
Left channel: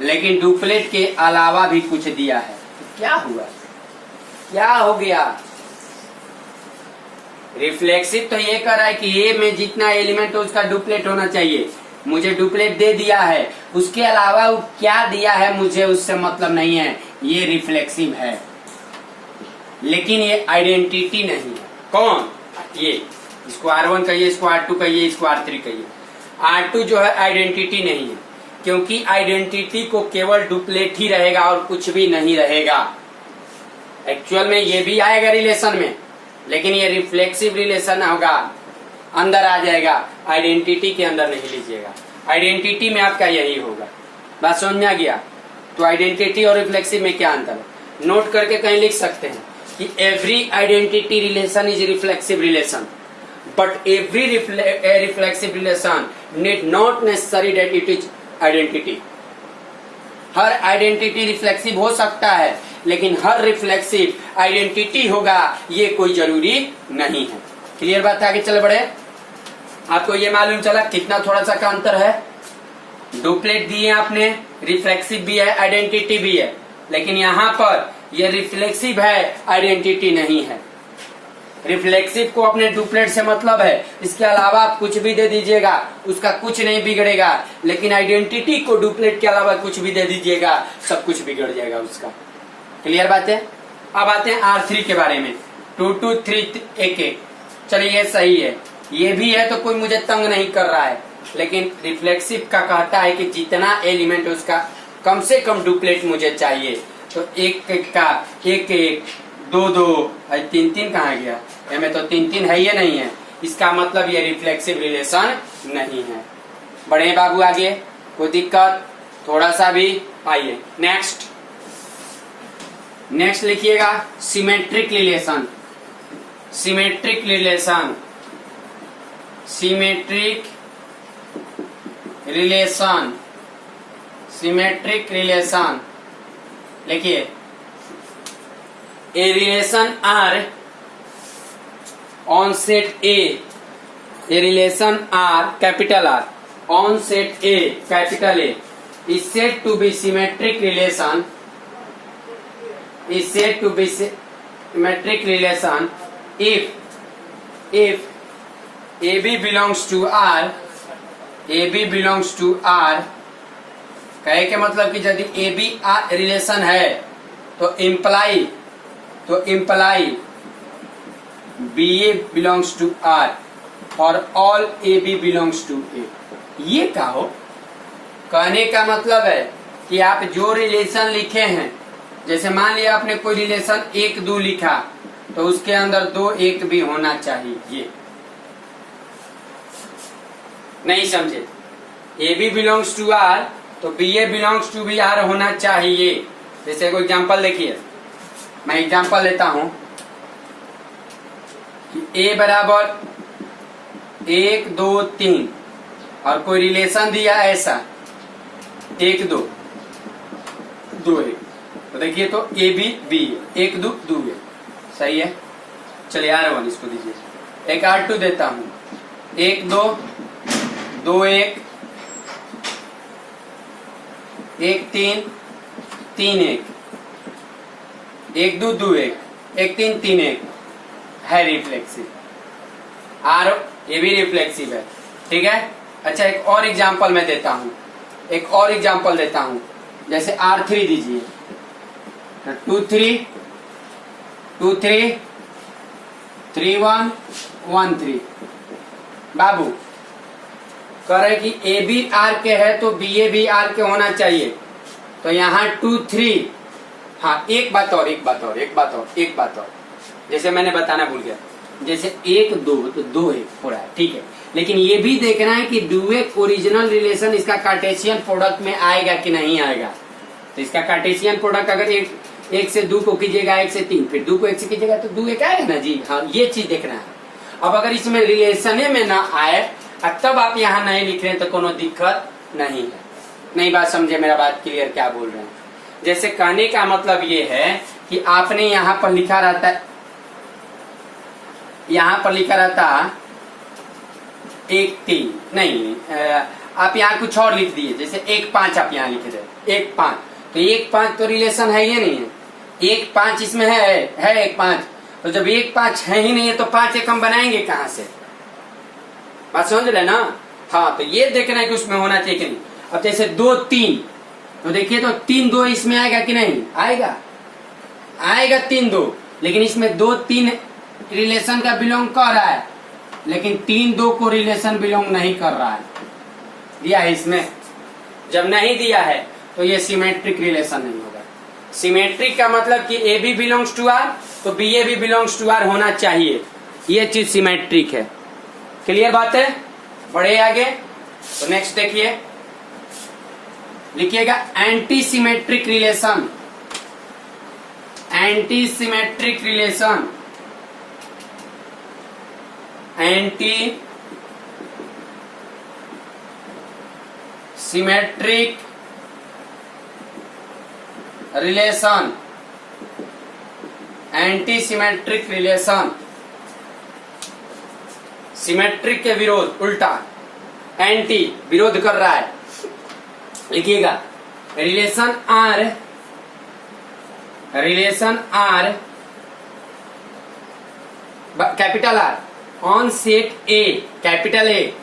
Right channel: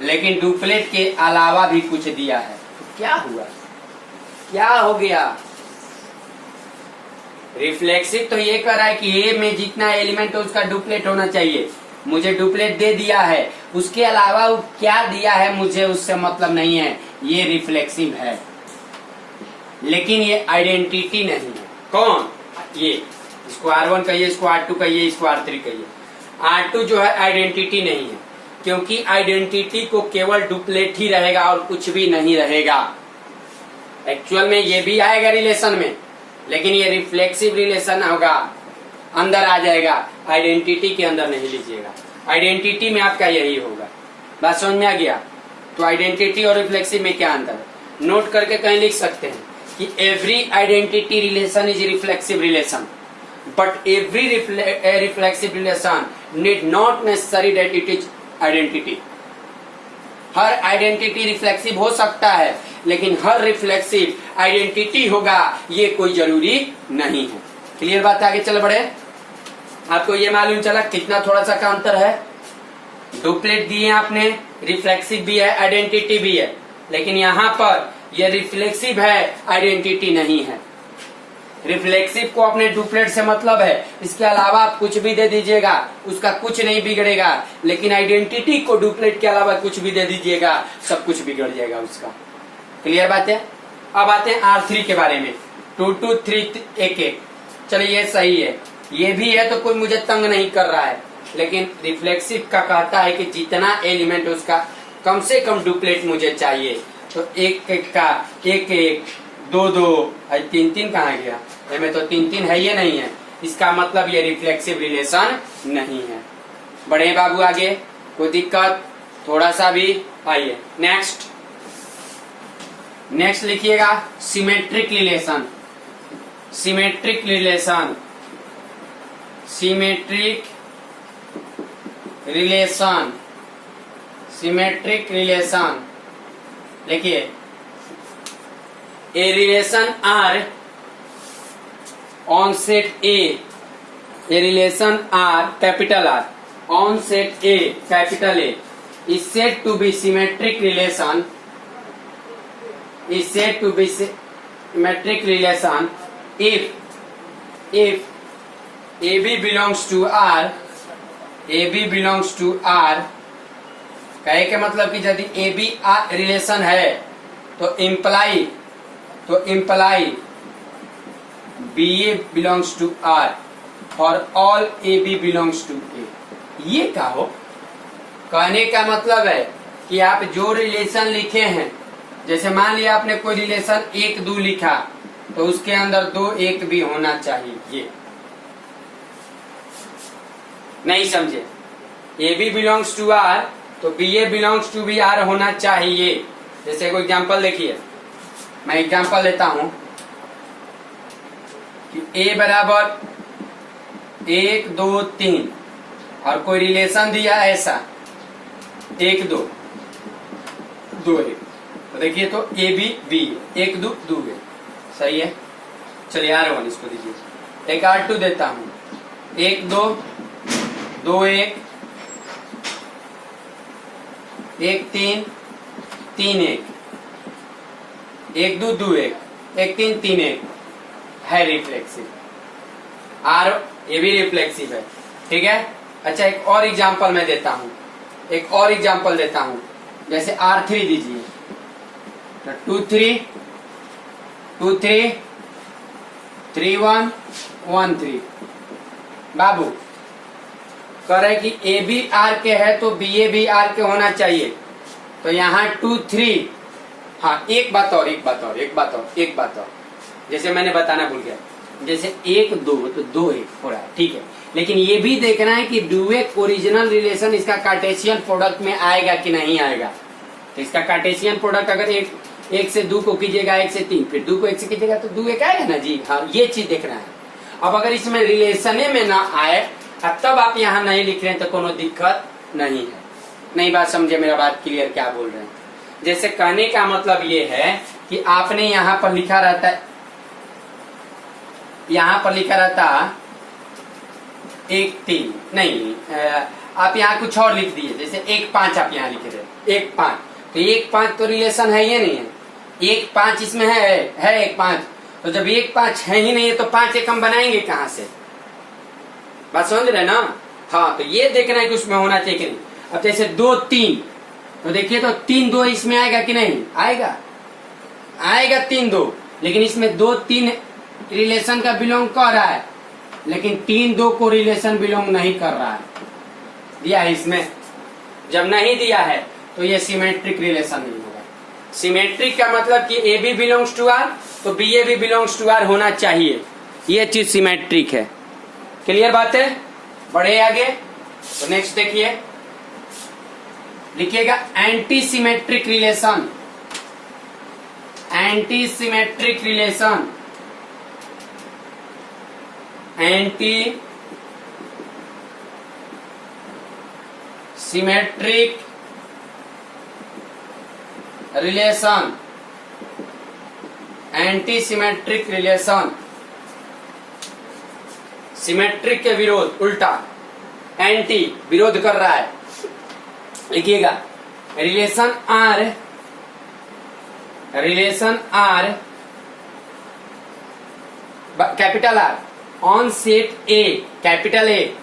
लेकिन डुप्लेट के अलावा भी कुछ दिया है। तो क्या हुआ, क्या हो गया? रिफ्लेक्सिव तो ये कर रहा है कि ए में जितना एलिमेंट हो उसका डुप्लेट होना चाहिए। मुझे डुप्लेट दे दिया है, उसके अलावा वो क्या दिया है मुझे उससे मतलब नहीं है। ये रिफ्लेक्सिव है लेकिन ये आइडेंटिटी नहीं है। कौन? ये, इसको R1 कहिए, इसको R2 कहिए, इसको R3 कहिए। R2 जो है आइडेंटिटी नहीं है क्योंकि आइडेंटिटी को केवल डुप्लेट ही रहेगा और कुछ भी नहीं रहेगा। एक्चुअल में ये भी आएगा रिलेशन में लेकिन ये रिफ्लेक्सिव रिलेशन होगा, अंदर आ जाएगा, आइडेंटिटी के अंदर नहीं लीजिएगा। आइडेंटिटी में आपका यही होगा। बात समझ में आ गया? तो आइडेंटिटी और रिफ्लेक्सिव में क्या अंतर है नोट करके कहीं लिख सकते हैं कि every identity relation is reflexive relation but every reflexive relation need not necessary that it is identity. Her identity reflexive हो सकता है लेकिन हर रिफ्लेक्सिव आइडेंटिटी होगा ये कोई जरूरी नहीं है। क्लियर बात है? आगे चल बढ़े। आपको ये मालूम चला कितना थोड़ा सा का अंतर है। डुप्लेट दिए आपने, रिफ्लेक्सिव भी है, आइडेंटिटी भी है। लेकिन यहाँ पर ये रिफ्लेक्सिव है, आइडेंटिटी नहीं है। रिफ्लेक्सिव को अपने डुप्लेट से मतलब है, इसके अलावा आप कुछ भी दे दीजिएगा उसका कुछ नहीं बिगड़ेगा, लेकिन आइडेंटिटी को डुप्लेट के अलावा कुछ भी दे दीजिएगा सब कुछ बिगड़ जाएगा उसका। क्लियर बात है। अब आते हैं R3 के बारे में, 2 2 3 1 1। चलिए ये सही है, ये भी है तो कोई मुझे तंग नहीं कर रहा है, लेकिन रिफ्लेक्सिव का कहता है कि जितना एलिमेंट उसका कम से कम डुप्लेट मुझे चाहिए। तो एक एक का एक एक, दो दो, तीन तीन कहाँ गया, में तो तीन तीन है, ये नहीं है, इसका मतलब ये रिफ्लेक्सिव रिलेशन नहीं है। बढ़े बाबू आगे, कोई दिक्कत थोड़ा सा भी। आइए नेक्स्ट लिखिएगा symmetric relation. Symmetric relation, symmetric relation, symmetric relation लिखिए। A relation R on set A, a relation R capital R on set A capital A is said to be symmetric relation, is said to be symmetric relation if AB belongs to R, AB belongs to R, कहे के मतलब कि यदि AB R relation है तो imply BA belongs to R और all AB belongs to A। ये क्या हो, कहने का मतलब है कि आप जो रिलेशन लिखे हैं, जैसे मान लिया आपने कोई रिलेशन 1 2 लिखा तो उसके अंदर 2 1 भी होना चाहिए। ये नहीं समझे, A B belongs to R तो B A belongs to B R होना चाहिए। जैसे कोई एग्जांपल देखिए, मैं एग्जांपल लेता हूं कि ए बराबर 1 2 3 और कोई रिलेशन दिया ऐसा 1 2 2 1, तो देखिए तो ए बी बी 1 2 2 है, सही है। चलिए R1 इसको दीजिए, एक R2 देता हूं 1 2 2 1 1 3 3 1 1 2 2 1 1 3 3 1 है रिफ्लेक्सिव। आर ये भी रिफ्लेक्सिव है, ठीक है। अच्छा एक और एग्जांपल मैं देता हूं, एक और एग्जांपल देता हूं, जैसे R3 दीजिए, 2 3 2 3 3 1 1 3। बाबू कह रहे कि ए बी आर के है तो बी ए भी आर के होना चाहिए, तो यहाँ 2 3। हाँ एक बात और, जैसे मैंने बताना भूल गया, जैसे 1 2 तो 2 1 हो रहा है, ठीक है। लेकिन ये भी देखना है कि डुएट ओरिजिनल रिलेशन इसका कार्टेशियन प्रोडक्ट में आएगा कि नहीं आएगा। तो इसका कार्टेशियन प्रोडक्ट अगर 1 से 2 को कीजिएगा 1 से 3, फिर 2 को 1 से कीजिएगा तो 2 1 आएगा ना जी। हाँ ये चीज देखना है। अब अगर इसमें रिलेशन में ना आए तब आप यहाँ नहीं लिख रहे हैं तो कोनो दिक्कत नहीं है। नहीं बात समझे, मेरा बात क्लियर क्या बोल रहे हैं। जैसे कहने का मतलब ये है कि आपने यहाँ पर लिखा रहता है, यहाँ पर लिखा रहता 1 3 नहीं, आप यहाँ कुछ और लिख दिए, जैसे 1 5 आप यहाँ लिख रहे 1 5, तो 1 5 तो रिलेशन है ये नहीं है, 1 5 इसमें है 1 5, तो जब 1 5 है ही नहीं है तो 5 1 हम बनाएंगे कहाँ से, बात समझ रहे ना। हाँ तो ये देखना है कि उसमें होना चाहिए कि नहीं। अब जैसे 2 3 तो देखिए तो 3 2 इसमें आएगा कि नहीं आएगा, आएगा 3 2, लेकिन इसमें 2 3 रिलेशन का बिलोंग कर रहा है, लेकिन 3 2 को रिलेशन बिलोंग नहीं कर रहा है, दिया है इसमें। जब नहीं दिया है तो ये सिमेट्रिक रिलेशन नहीं होगा। सिमेट्रिक का मतलब कि A B belongs to R तो बी ए भी बिलोंग्स टू आर होना चाहिए, ये चीज सिमेट्रिक है। क्लियर बात है। बढ़े आगे, तो नेक्स्ट देखिए, लिखिएगा anti symmetric relation. Anti symmetric relation, anti symmetric relation, anti symmetric relation, symmetric के विरोध, उल्टा एंटी विरोध कर रहा है। लिखिएगा relation R relation R capital R on set A capital A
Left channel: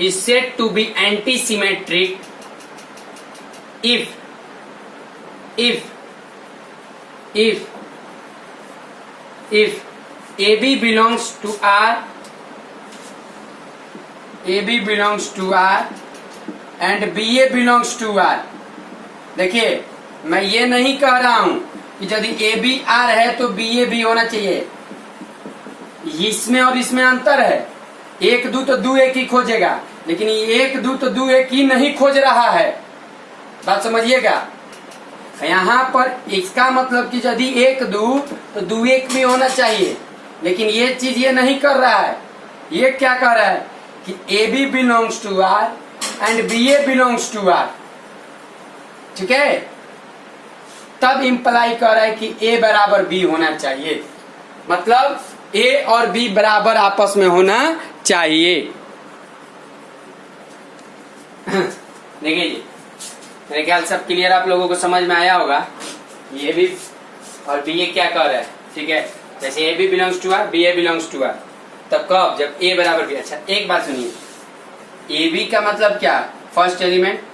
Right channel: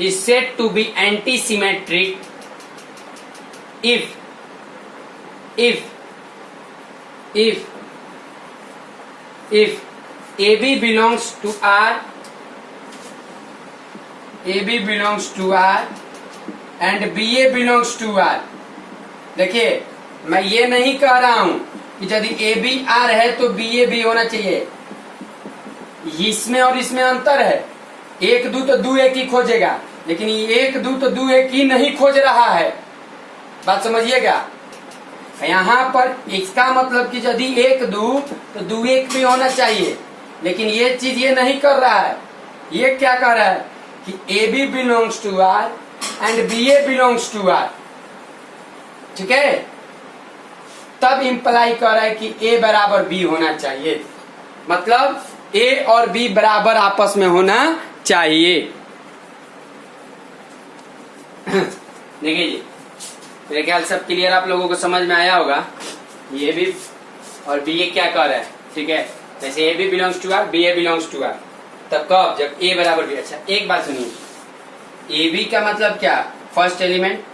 is set to B anti symmetric if AB belongs to R, AB belongs to R and BA belongs to R। देखिए मैं ये नहीं कह रहा हूं कि यदि AB R है तो BA भी होना चाहिए, इसमें और इसमें अंतर है। एक दो तो दो एक ही खोजेगा, लेकिन ये एक दो तो दो एक ही नहीं खोज रहा है, बात समझिएगा। यहाँ पर इसका मतलब कि यदि एक दो तो दो एक भी होना चाहिए, लेकिन ये चीज ये नहीं कर रहा है। ये क्या कह रहा है कि AB belongs to R and BA belongs to R, ठीक है। तब इंप्लाई कर रहा है कि A बराबर B होना चाहिए, मतलब A और B बराबर आपस में होना चाहिए। देखिए जी, मेरे ख्याल सब क्लियर आप लोगों को समझ में आया होगा। ये भी और बी ए क्या कर रहा है, ठीक है। जैसे A B belongs to R, B A belongs to R, तब कब, जब ए बराबर बी। अच्छा एक बात सुनिए, ए बी का मतलब क्या, first element,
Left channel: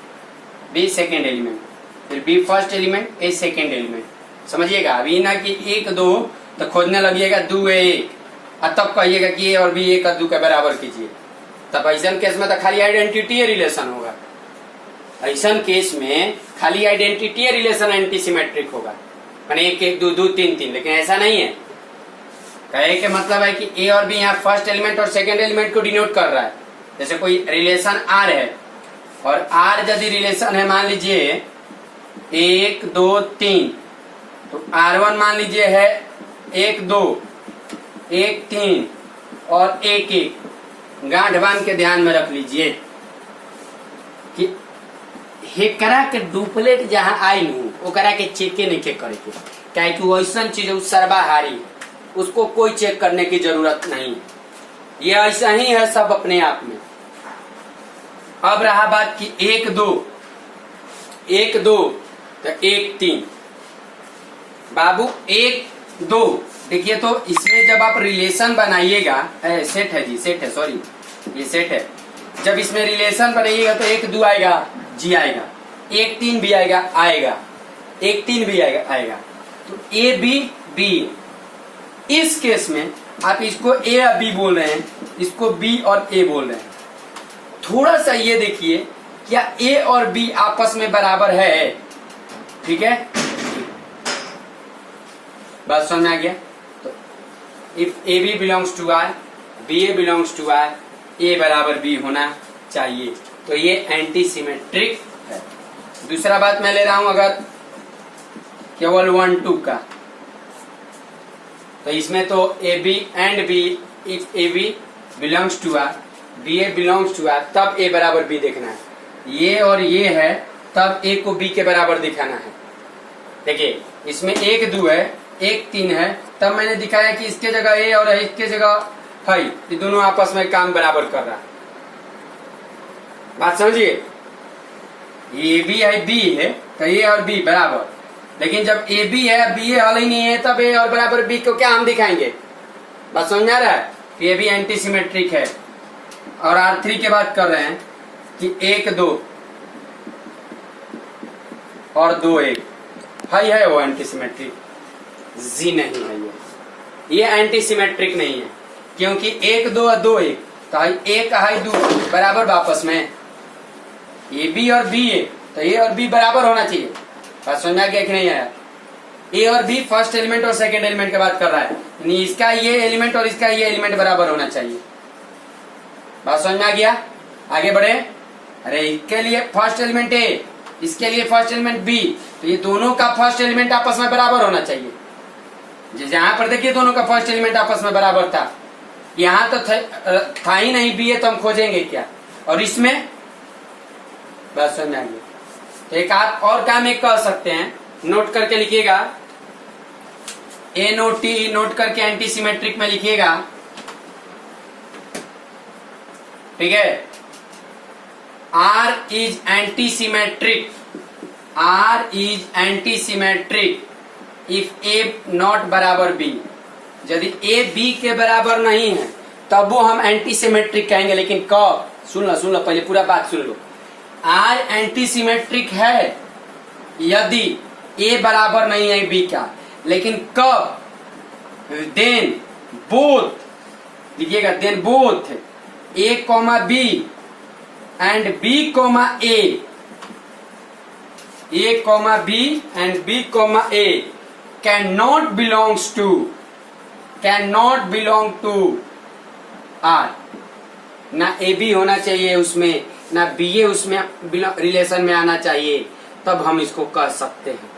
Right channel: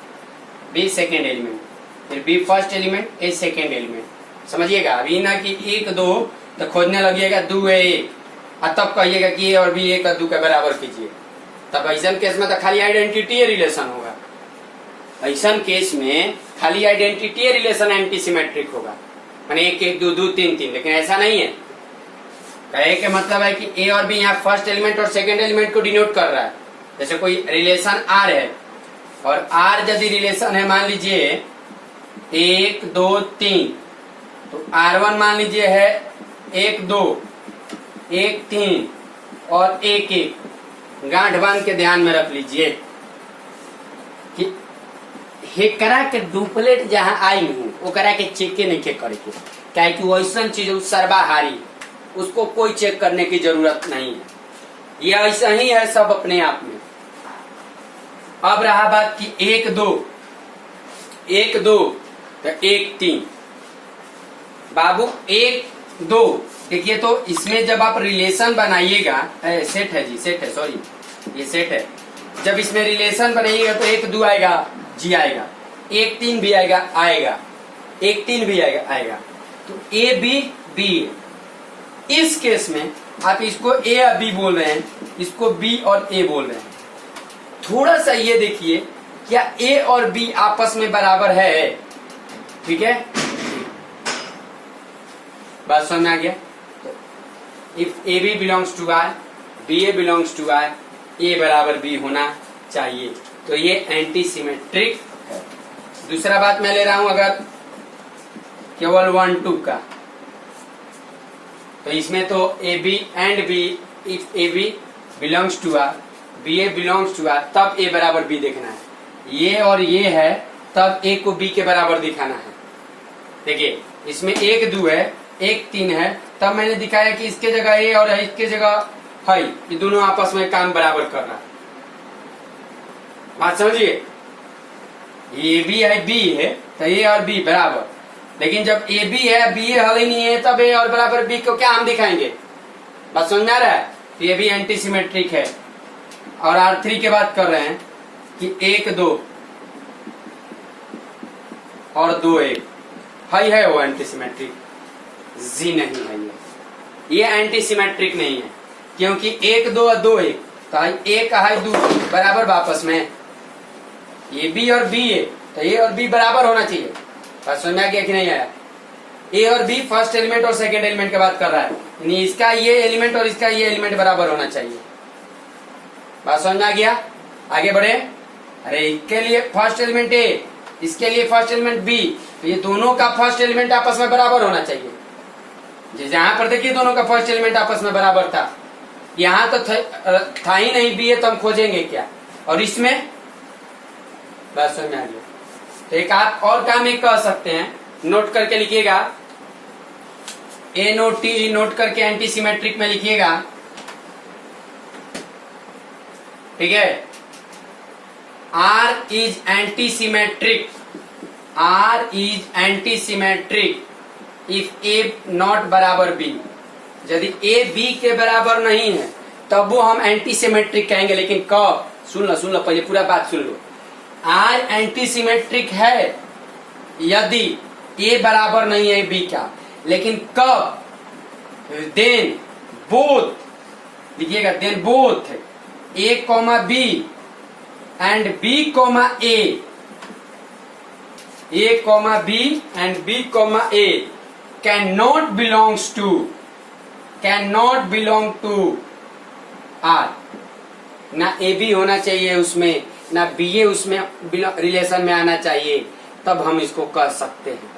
B second element, फिर B first element, A second element. समझिएगा, अभी ना कि एक दो तो खोजने लगिएगा दो है एक, और तब कहिएगा कि ए और बी ए का दो का बराबर कीजिए। तब ऐसा केस में तो खाली आइडेंटिटी रिलेशन होगा। ऐसा केस में खाली आइडेंटिटी रिलेशन एंटी सिमेट्रिक होगा, माने एक एक दो दो तीन तीन, लेकिन ऐसा नहीं है। कहे के मतलब है कि ए और बी यहाँ फर्स्ट एलिमेंट और सेकंड एलिमेंट को डिनोट कर रहा है। जैसे कोई रिलेशन आर है और आर यदि रिलेशन है, मान लीजिए एक दो तीन, तो R1 मान लीजिए है एक दो एक तीन और एक एक। गांठ बांध के ध्यान में रख लीजिए कि हेकरा के डुप्लेट जहाँ आई हूँ वो करा के चेके नहीं चेक करे, क्या कि वो ऐसा चीज है सर्वाहारी, उसको कोई चेक करने की जरूरत नहीं, ये ऐसा ही है सब अपने आप में। अब रहा बात कि एक दो तो एक तीन, बाबू एक दो। देखिए तो इसमें जब आप रिलेशन बनाइएगा, सेट है जी, सेट है, सॉरी ये सेट है। जब इसमें रिलेशन बनाइएगा तो एक दो आएगा, जी आएगा, एक तीन भी आएगा, एक तीन भी आएगा। तो ए बी बी। इस केस में आप इसको ए या बी बोल रहे हैं, इसको बी और ए बोल रहे हैं। थोड़ा सा ये देखिए, क्या ए और बी आपस में बराबर है, ठीक है, बात समझ में आ गया। तो if A B belongs to R, B A belongs to R, A बराबर बी होना चाहिए, तो ये एंटी सिमेट्रिक है। दूसरा बात मैं ले रहा हूं अगर केवल 1 2 का, तो इसमें तो A B and B, if A B belongs to R, B A belongs to R, तब ए बराबर बी देखना है। ये और ये है, तब ए को बी के बराबर दिखाना है। देखिए इसमें एक दो है, एक तीन है, तब मैंने दिखाया कि इसके जगह ए और इसके जगह है, ये दोनों आपस में काम बराबर कर रहा है। बात समझिए, ए बी है बी है तो ए और बी बराबर, लेकिन जब ए बी है बी ए हल ही नहीं है, तब ए और बराबर बी को क्या हम दिखाएंगे। बात समझ आ रहा है, ये भी एंटी सिमेट्रिक है। और R3 की बात कर रहे हैं कि एक दो और दो एक है वो एंटी सिमेट्रिक, जी नहीं है ये एंटी सिमेट्रिक नहीं है, क्योंकि एक दो और दो एक, तो एक है दो बराबर आपस में, ए बी और बी है तो ए और बी बराबर होना चाहिए। बात समझ में आ गया कि नहीं आया। ए और बी फर्स्ट एलिमेंट और सेकंड एलिमेंट की बात कर रहा है, यानी इसका ये एलिमेंट और इसका ये एलिमेंट बराबर होना चाहिए। बात समझ में आ गया, आगे बढ़े। अरे इसके लिए फर्स्ट एलिमेंट ए, इसके लिए फर्स्ट एलिमेंट बी, तो ये दोनों का फर्स्ट एलिमेंट आपस में बराबर होना चाहिए। जहां पर देखिए दोनों का फर्स्ट एलिमेंट आपस में बराबर था, यहाँ तो था ही नहीं बी है, तो हम खोजेंगे क्या। और इसमें बात समझ में आ गया। तो एक आप और काम एक कर सकते हैं, नोट करके लिखिएगा, ए नोट टी नोट करके एंटी सिमेट्रिक में लिखिएगा, ठीक है। R is anti symmetric, R is anti symmetric if A not बराबर बी, यदि ए बी के बराबर नहीं है तब वो हम एंटी सिमेट्रिक कहेंगे। लेकिन कब, सुन लो पहले पूरा बात सुन लो। आज एंटी सिमेट्रिक है यदि ए बराबर नहीं है बी का, लेकिन कब, देन बोथ, देखिएगा, then both A comma B and B comma A comma B and B comma A can not belong to R. ना ए बी होना चाहिए उसमें, ना बी ए उसमें रिलेशन में आना चाहिए, तब हम इसको कर सकते हैं।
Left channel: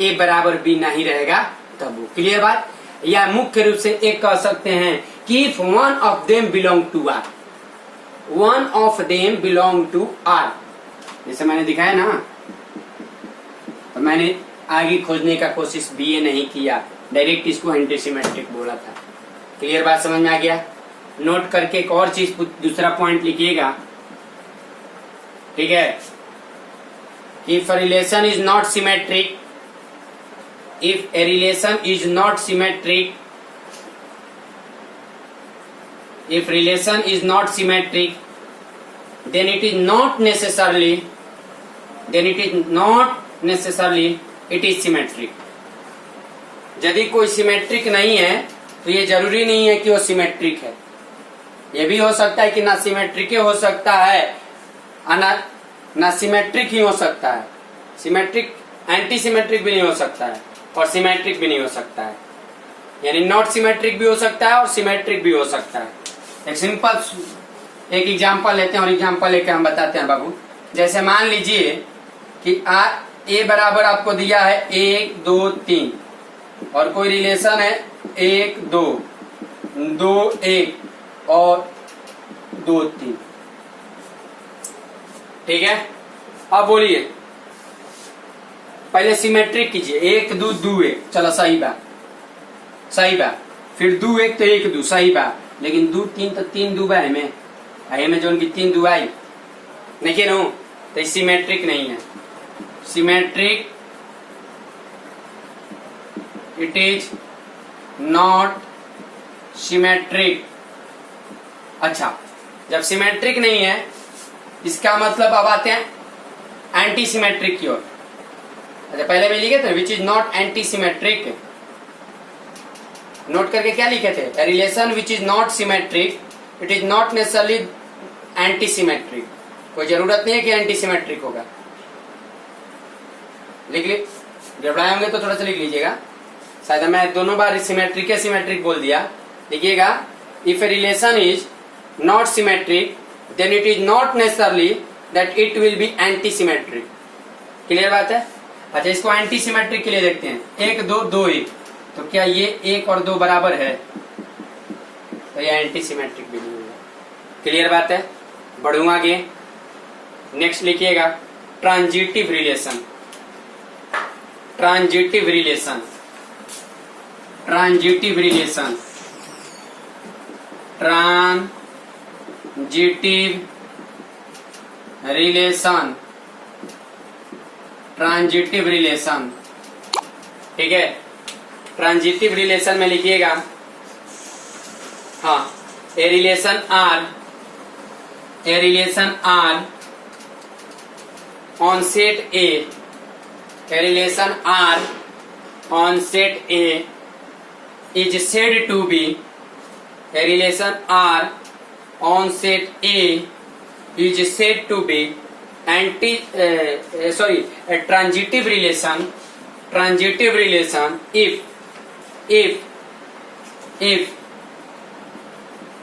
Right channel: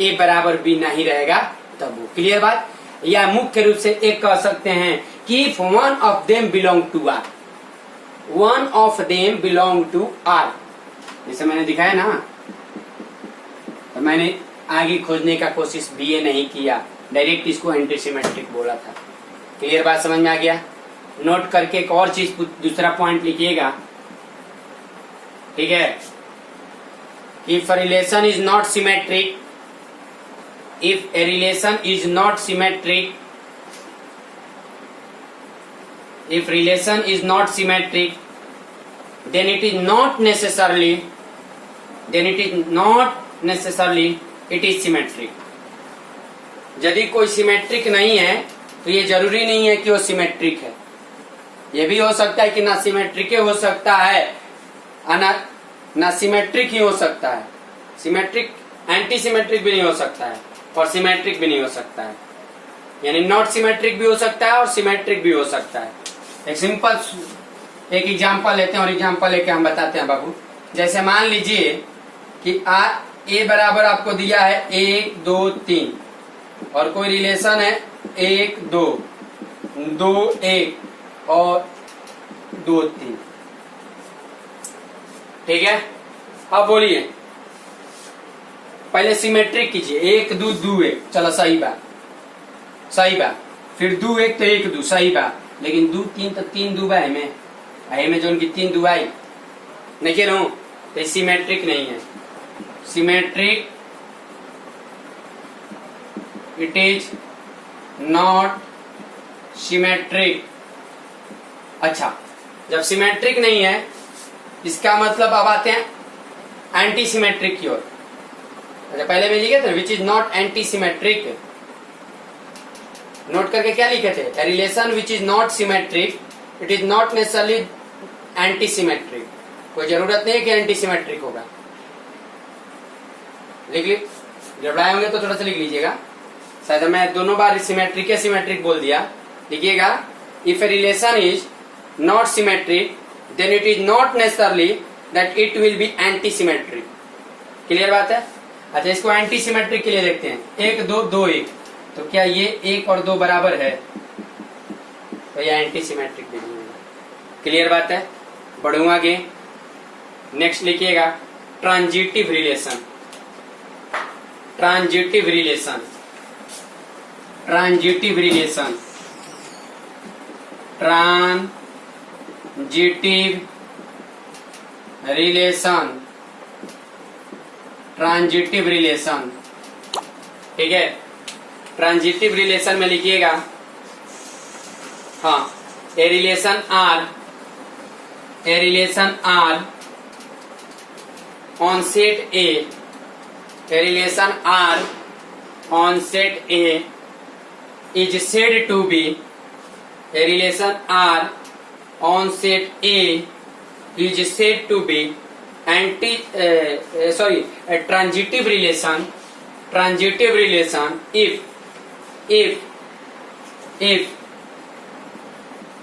ए बराबर बी नहीं रहेगा तब वो, क्लियर बात। या मुख्य रूप से एक कह सकते हैं कि if one of them belong to R, one of them belong to R, जैसे मैंने दिखाया ना। तो मैंने आगे खोजने का कोशिश बीए नहीं किया, डायरेक्ट इसको एंटीसिमेट्रिक बोला था। क्लियर बात समझ में आ गया। नोट करके एक और चीज, दूसरा पॉइंट लिखिएगा, ठीक है। If relation is not symmetric, if a relation is not symmetric, if relation is not symmetric, then it is not necessarily it is symmetric। यदि कोई सिमेट्रिक नहीं है तो ये जरूरी नहीं है कि वो सिमेट्रिक है। ये भी हो सकता है कि ना सिमेट्रिक हो सकता है, ना सिमेट्रिक ही हो सकता है। सिमेट्रिक एंटी सिमेट्रिक भी नहीं हो सकता है और सिमेट्रिक भी नहीं हो सकता है, यानी नॉट सिमेट्रिक भी हो सकता है और सिमेट्रिक भी हो सकता है। एक सिंपल एक एग्जांपल लेते हैं और एग्जांपल लेके हम बताते हैं बाबू। जैसे मान लीजिए कि ए बराबर आपको दिया है 1 2 3 और कोई रिलेशन है 1 2 2 1 और 2 3, ठीक है। अब बोलिए, पहले सिमेट्रिक कीजिए, 1 2 2 1, चलो सही बात, फिर 2 1 तो 1 2 सही बात, लेकिन 2 3 तो 3 2 है में जो उनकी 3 2 आई नहीं कह रहा हूं, तो सिमेट्रिक नहीं है। Symmetric it is not symmetric. अच्छा, जब सिमेट्रिक नहीं है इसका मतलब अब आते हैं एंटी सिमेट्रिक की ओर। अच्छा, पहले में लिखे थे which is not anti symmetric, note करके क्या लिखे थे, relation which is not symmetric it is not necessarily anti symmetric. कोई जरूरत नहीं है कि एंटी सिमेट्रिक होगा। लिख ली, गड़बड़ाए होंगे तो थोड़ा सा लिख लीजिएगा, शायद मैं दोनों बार सिमेट्रिक बोल दिया। लिखिएगा, if a relation is not symmetric then it is not necessarily that it will be anti symmetric. Clear बात है। अच्छा, इसको एंटी सिमेट्रिक के लिए देखते हैं, 1 2 2 1, तो क्या ये 1 और 2 बराबर है, तो यह एंटी सिमेट्रिक भी नहीं होगा। क्लियर बात है। बढ़ू आगे, नेक्स्ट लिखिएगा transitive relation. Transitive relation transitive relation transitive relation transitive relation, ठीक है। ट्रांजिटिव रिलेशन में लिखिएगा, हाँ, a relation R on set A is said to be a relation R on set A is said to be a transitive relation if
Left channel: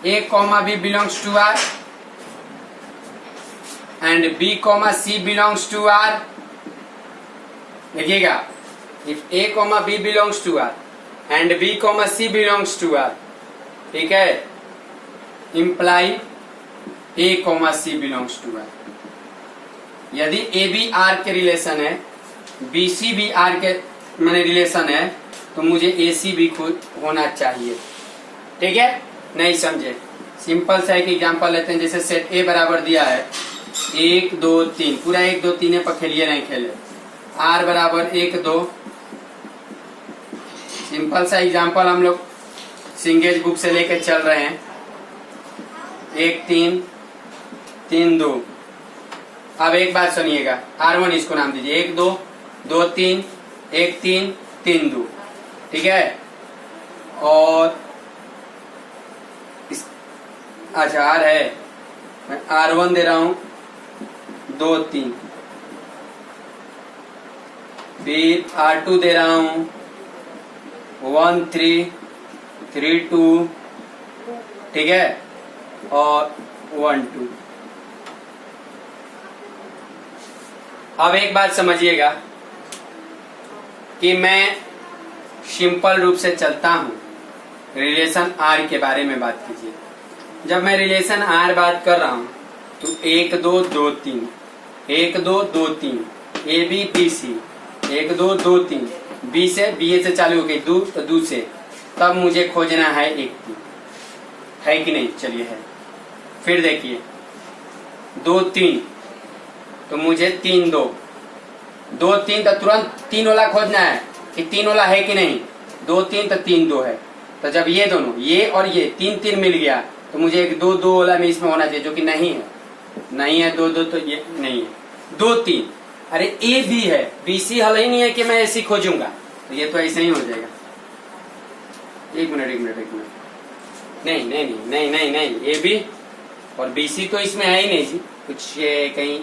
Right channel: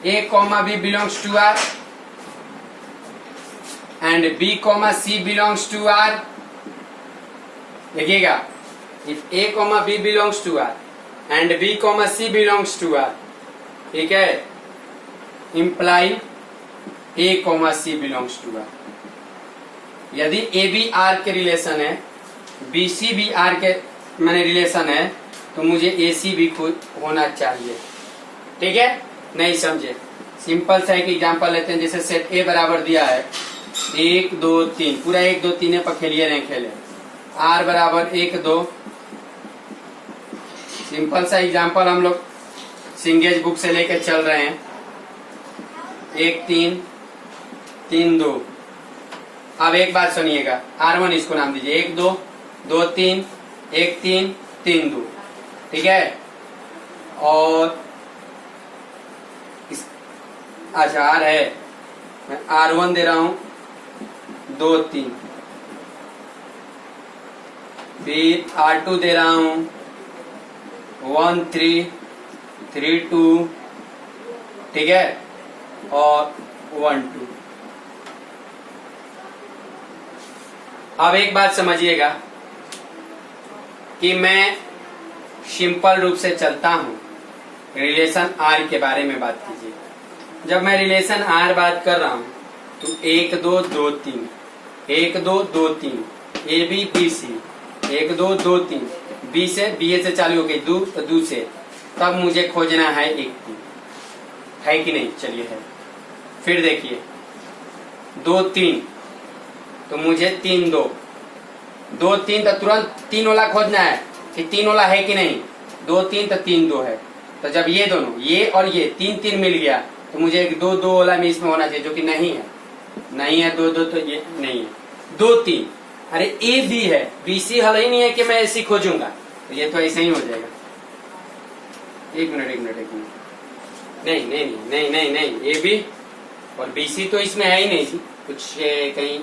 A comma B belongs to R and B comma C belongs to R। देखिएगा, if A comma B belongs to R and B comma C belongs to R, ठीक है, imply A comma C belongs to R। यदि A B R के relation है, B C भी R के माने relation है, तो मुझे A C भी खुद होना चाहिए, ठीक है। नहीं समझे, सिंपल सा एक एग्जांपल लेते हैं। जैसे सेट A बराबर दिया है 1 2 3, पूरा 1 2 3 पर खेलिए नहीं खेले। R बराबर 1 2 सिंपल सा एग्जांपल हम लोग सिंगेज बुक से लेके चल रहे हैं। 1 3 3 2। अब एक बात सुनिएगा, R1 इसको नाम दीजिए, 1 2 2 3 1 3 3 2, ठीक है। और अच्छा R है, मैं R1 दे रहा हूं 2 3, फिर R2 दे रहा हूं 1 3 3 2, ठीक है, और 1 2। अब एक बात समझिएगा कि मैं सिंपल रूप से चलता हूं। रिलेशन R के बारे में बात कीजिए। जब मैं रिलेशन R बात कर रहा हूं तो 1 2 2 3, 1 2 2 3, A B B C, 1 2 2 3, B से बी ए से चालू हो गई, दू से, तब मुझे खोजना है 1 3, है कि नहीं? चलिए है। फिर देखिए 2 3, तो मुझे 3 2, 2 3, तो तुरंत 3 वाला खोजना है कि 3 वाला है कि नहीं। 2 3 तो 3 2 है। तो जब ये दोनों, ये और ये 3 3 मिल गया तो मुझे एक 2 2 वाला में इसमें होना चाहिए, जो कि नहीं है। नहीं है 2 2, तो ये नहीं है। 2 3, अरे ए बी है, बी सी हल ही नहीं है कि मैं ऐसी खोजूंगा, तो ये तो ऐसे ही हो जाएगा। एक मिनट, नहीं नहीं नहीं नहीं नहीं नहीं, ए बी और बी सी तो इसमें है ही नहीं जी, कुछ कहीं,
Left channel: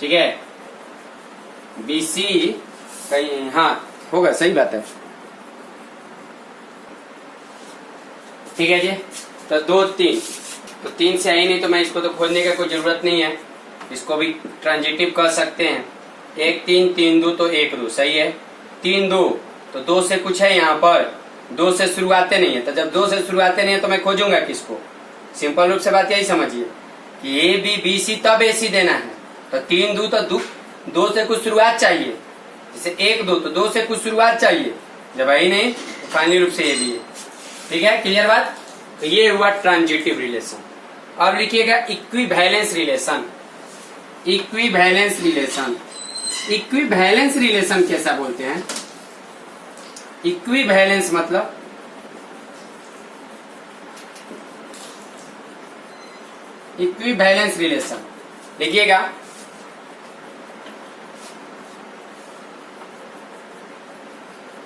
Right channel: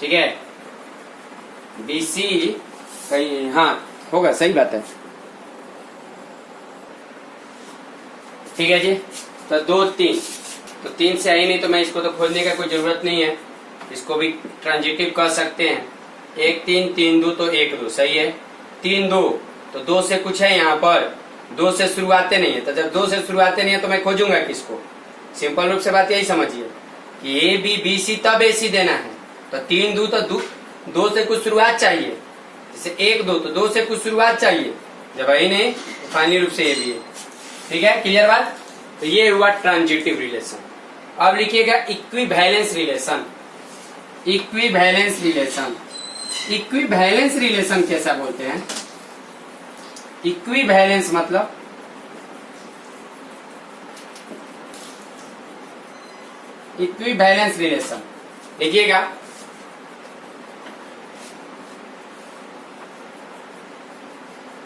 ठीक है। बी सी कहीं, हाँ होगा, सही बात है, ठीक है जी। तो 2 3, तो 3 से आई नहीं, तो मैं इसको तो खोजने का कोई जरूरत नहीं है, इसको भी ट्रांजिटिव कर सकते हैं। 1 3 3 2, तो 1 2 सही है। 3 2, तो 2 से कुछ है यहाँ पर, 2 से शुरुआते नहीं है, तो जब 2 से शुरुआते नहीं है तो मैं खोजूंगा किसको? सिंपल रूप से बात यही समझिए कि ए बी बी सी, तब ए सी देना है। तो 3 2, तो 2 से कुछ शुरुआत चाहिए, जैसे 1 2, तो 2 से कुछ शुरुआत चाहिए, जब आई नहीं तो फाइनली रूप से ये भी है, ठीक है। क्लियर बात? तो ये हुआ ट्रांजिटिव रिलेशन। अब लिखिएगा equivalence relation. Equivalence relation, equivalence relation कैसा बोलते हैं? इक्विवेलेंस मतलब इक्विवेलेंस रिलेशन लिखिएगा,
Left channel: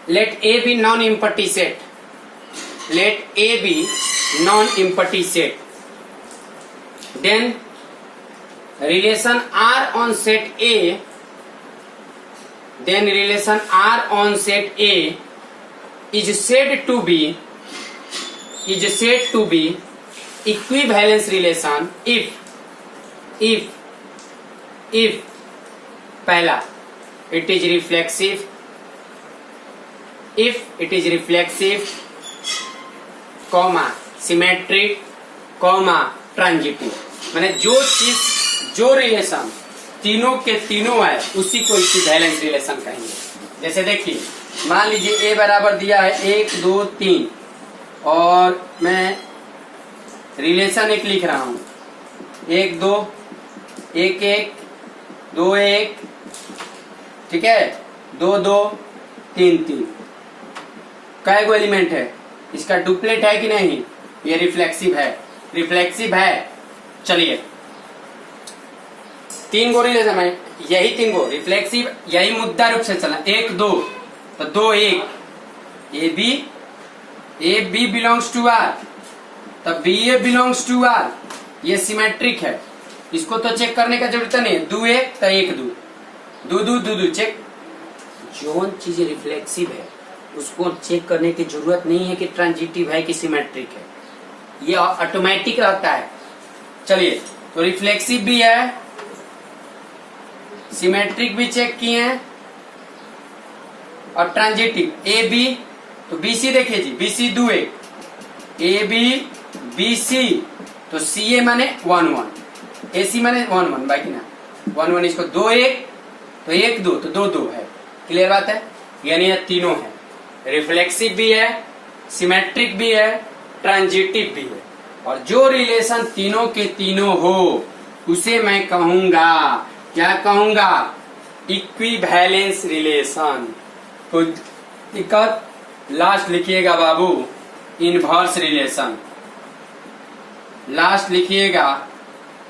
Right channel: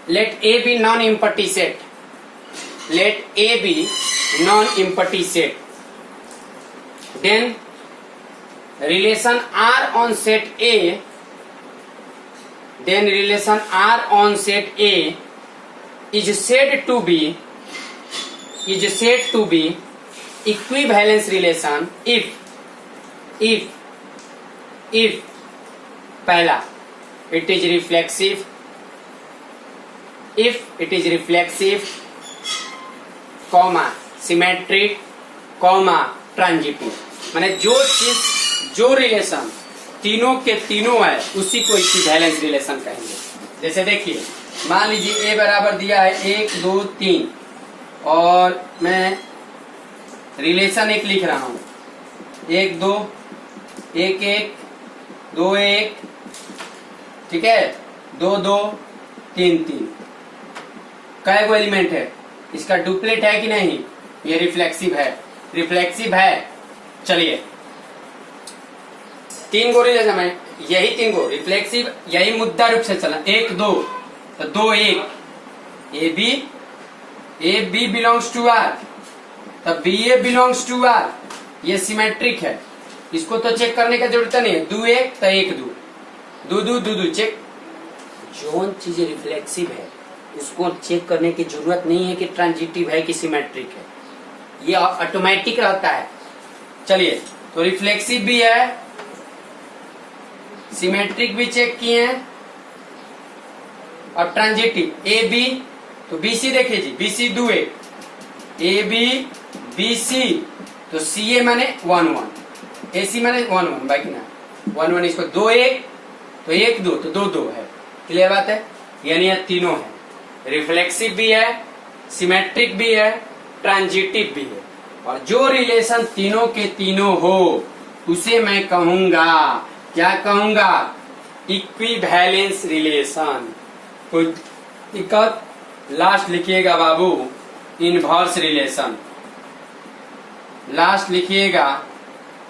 let A be non-empty set, let A be non-empty set, then relation R on set A, then relation R on set A is said to be equivalence relation if पहला it is reflexive, if it is reflexive, comma symmetric, comma transitive. माने जो चीज, जो relation तीनों के तीनों है उसी को इक्विवेलेंस रिलेशन कहेंगे। जैसे देखिए, मान लीजिए ए बराबर दिया है 1 2 3, और मैं रिलेशन एक लिख रहा हूं, 1 2 1 1 2 1, ठीक है, 2 2 3 3। कै गो एलिमेंट है? इसका डुप्लेट है कि नहीं? ये रिफ्लेक्सिव है, रिफ्लेक्सिव है। चलिए 3 गो रिलेशन है, यही 3 गो रिफ्लेक्सिव, यही मुद्दा रूप से चला। 1 2, तो 2 1, A B belongs to R, तब B A belongs to R, ये सिमेट्रिक है, इसको तो चेक करने का जरूरत नहीं है। 2 1, तो 1 2, 2 2 2 चेक। जो चीज रिफ्लेक्सिव है उसको चेक करने की जरूरत नहीं है कि ट्रांजिटिव है कि सिमेट्रिक है, ये ऑटोमेटिक रहता है। चलिए, तो रिफ्लेक्सिव भी है, सिमेट्रिक भी चेक किए हैं, और ट्रांजिटिव ए बी, तो बी सी देखिए जी, B C 2 1, A B B C, तो सी ए माने 1 1, ए सी माने 1 1, बाकी ना 1 1, इसको 2 1, तो 1 2, तो 2 2 है। क्लियर बात है? यानी ये तीनों है, रिफ्लेक्सिव भी है, सिमेट्रिक भी है, ट्रांजिटिव भी है। और जो रिलेशन तीनों के तीनों हो उसे मैं कहूंगा, क्या कहूंगा? Equivalence relation. तो दिक्कत लास्ट लिखिएगा बाबू इनवर्स रिलेशन, लास्ट लिखिएगा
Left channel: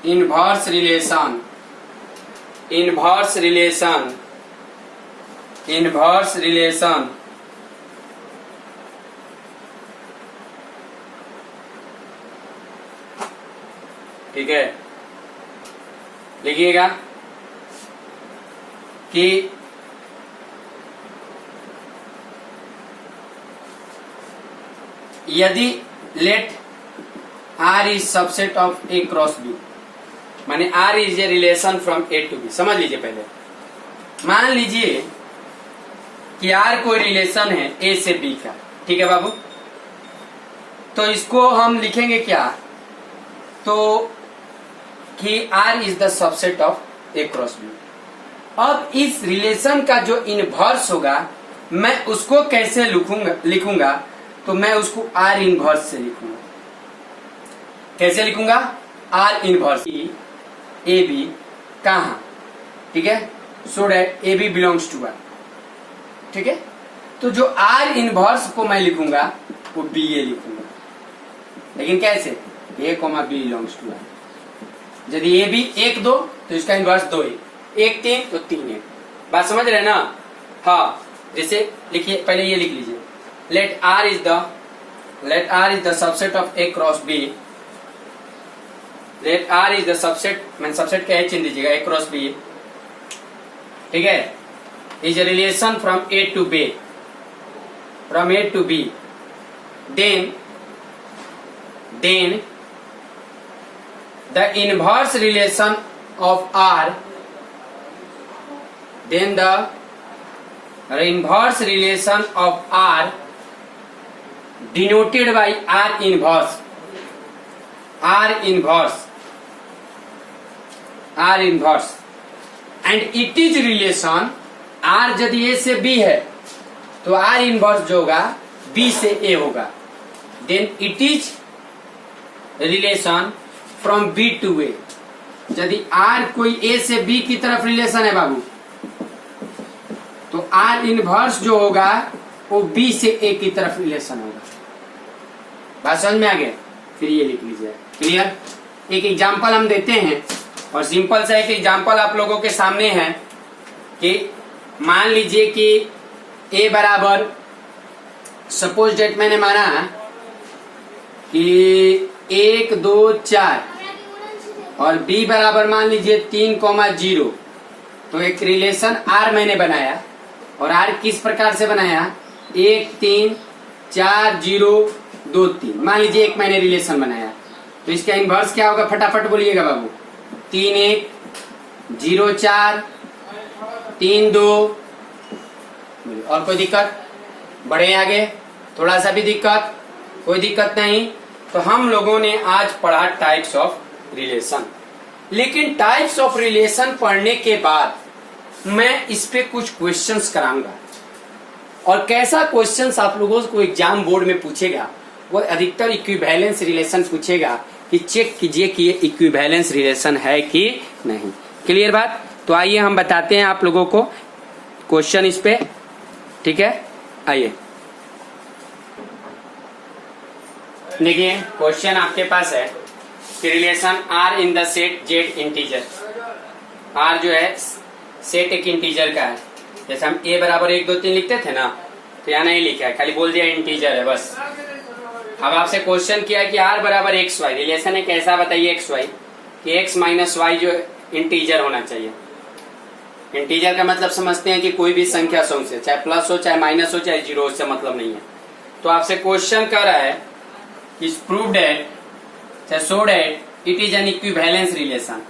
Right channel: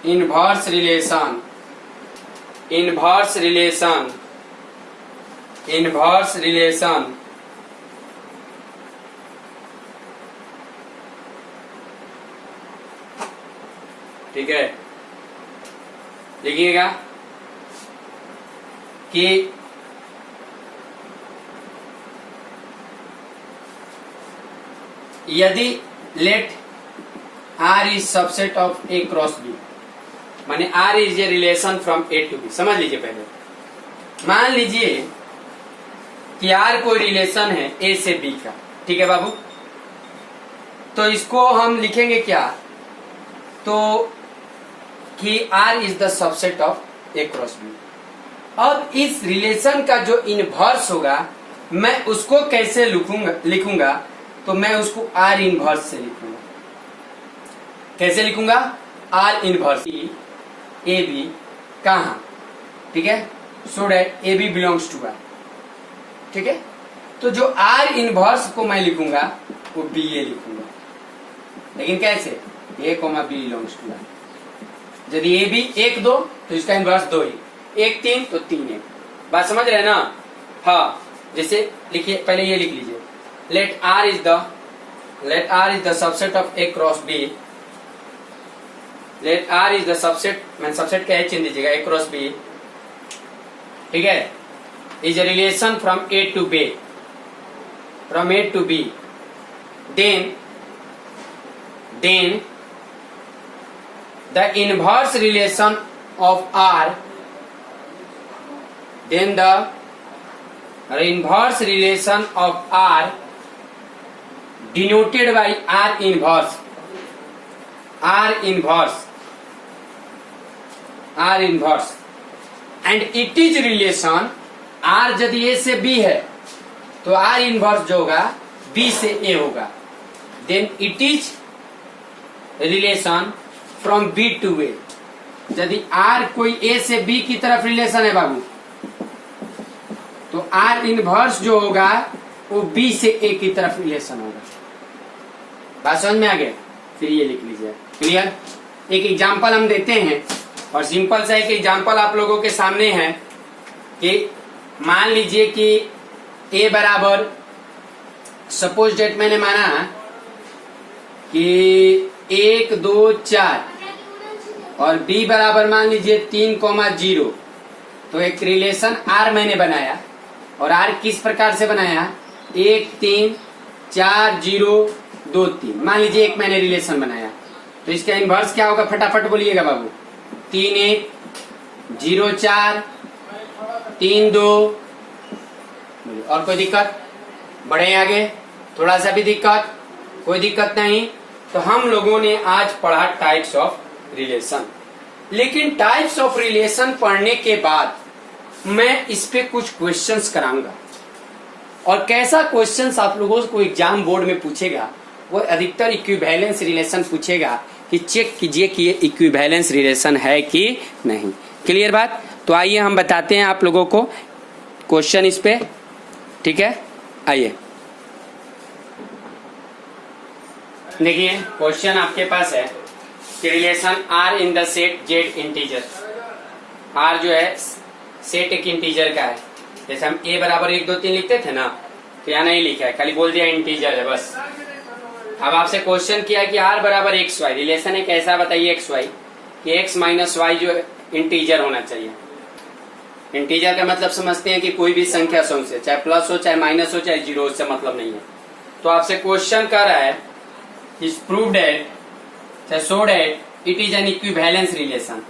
inverse relation, inverse relation, inverse relation. ठीक है, लिखिएगा कि यदि let R is subset of A cross B, माने R is a relation from A to B. समझ लीजिए पहले, मान लीजिए कि आर कोई रिलेशन है ए से बी का, ठीक है बाबू। तो इसको हम लिखेंगे क्या, तो कि R is the subset of A cross B. अब इस रिलेशन का जो इनवर्स होगा मैं उसको कैसे लिखूंगा, तो मैं उसको आर इनवर्स से लिखूंगा। कैसे लिखूंगा, आर इनवर्स ए बी कहा, ठीक है, so that A B belongs to R. ठीक है, तो जो आर इनवर्स को मैं लिखूंगा वो बी ए लिखूंगा, लेकिन कैसे, A comma B belongs to R. यदि ए बी एक दो तो इसका इनवर्स दो ही, एक तीन तो तीन एक। बात समझ रहे ना। हाँ, जैसे लिखिए, पहले ये लिख लीजिए, let R is the subset of A cross B. Let R is the subset, मैं सबसेट का चेंज दीजिएगा, ए क्रॉस बी, ठीक है, is a relation from A to B, from A to B, then the inverse relation of R, then the inverse relation of R denoted by R inverse, R inverse, R inverse, and it is relation R यदि A से B है तो R inverse जो होगा B से A होगा, then it is relation from B to A। यदि R कोई A से B की तरफ रिलेशन है बाबू, तो आर इनवर्स जो होगा वो बी से ए की तरफ रिलेशन होगा। बात समझ में आ गया, फिर ये लिख लीजिए। क्लियर। एक एग्जांपल हम देते हैं, और सिंपल सा एक एग्जांपल आप लोगों के सामने है कि मान लीजिए कि ए बराबर, सपोज डेट मैंने माना कि 1 2 4 और बी बराबर मान लीजिए 3,0। तो एक रिलेशन आर मैंने बनाया, और आर किस प्रकार से बनाया, 1 3 4 0 2 3। मान लीजिए एक मैंने रिलेशन बनाया, तो इसका इनवर्स क्या होगा, फटाफट बोलिएगा बाबू। 3 1 0 4 3 2। और कोई दिक्कत, बढ़े आगे, थोड़ा सा भी दिक्कत, कोई दिक्कत नहीं। तो हम लोगों ने आज पढ़ा टाइप्स ऑफ रिलेशन, लेकिन टाइप्स ऑफ रिलेशन पढ़ने के बाद मैं इस पे कुछ क्वेश्चंस कराऊंगा, और कैसा क्वेश्चंस आप लोगों को एग्जाम बोर्ड में पूछेगा, वो अधिकतर इक्विवेलेंस रिलेशन पूछेगा कि चेक कीजिए कि ये इक्विवेलेंस रिलेशन है कि नहीं। क्लियर बात। तो आइए हम बताते हैं आप लोगों को क्वेश्चन इस पे, ठीक है। आइए देखिए, क्वेश्चन आपके पास है कि relation R in the set Z integer. R जो है सेट एक इंटीजर का है, जैसे हम ए बराबर 1 2 3 लिखते थे ना, तो यहाँ नहीं लिखा है, खाली बोल दिया इंटीजर है बस। अब आपसे क्वेश्चन किया कि आर बराबर एक्स वाई, रिलेशन एक ऐसा बताइए एक्स वाई कि एक्स माइनस वाई जो इंटीजर होना चाहिए। इंटीजर का मतलब समझते हैं कि कोई भी संख्या सौ से, चाहे प्लस हो चाहे माइनस हो चाहे जीरो, उससे मतलब नहीं है। तो आपसे क्वेश्चन कर रहा है इज प्रूव डेट, चाहे show that it is an equivalence relation.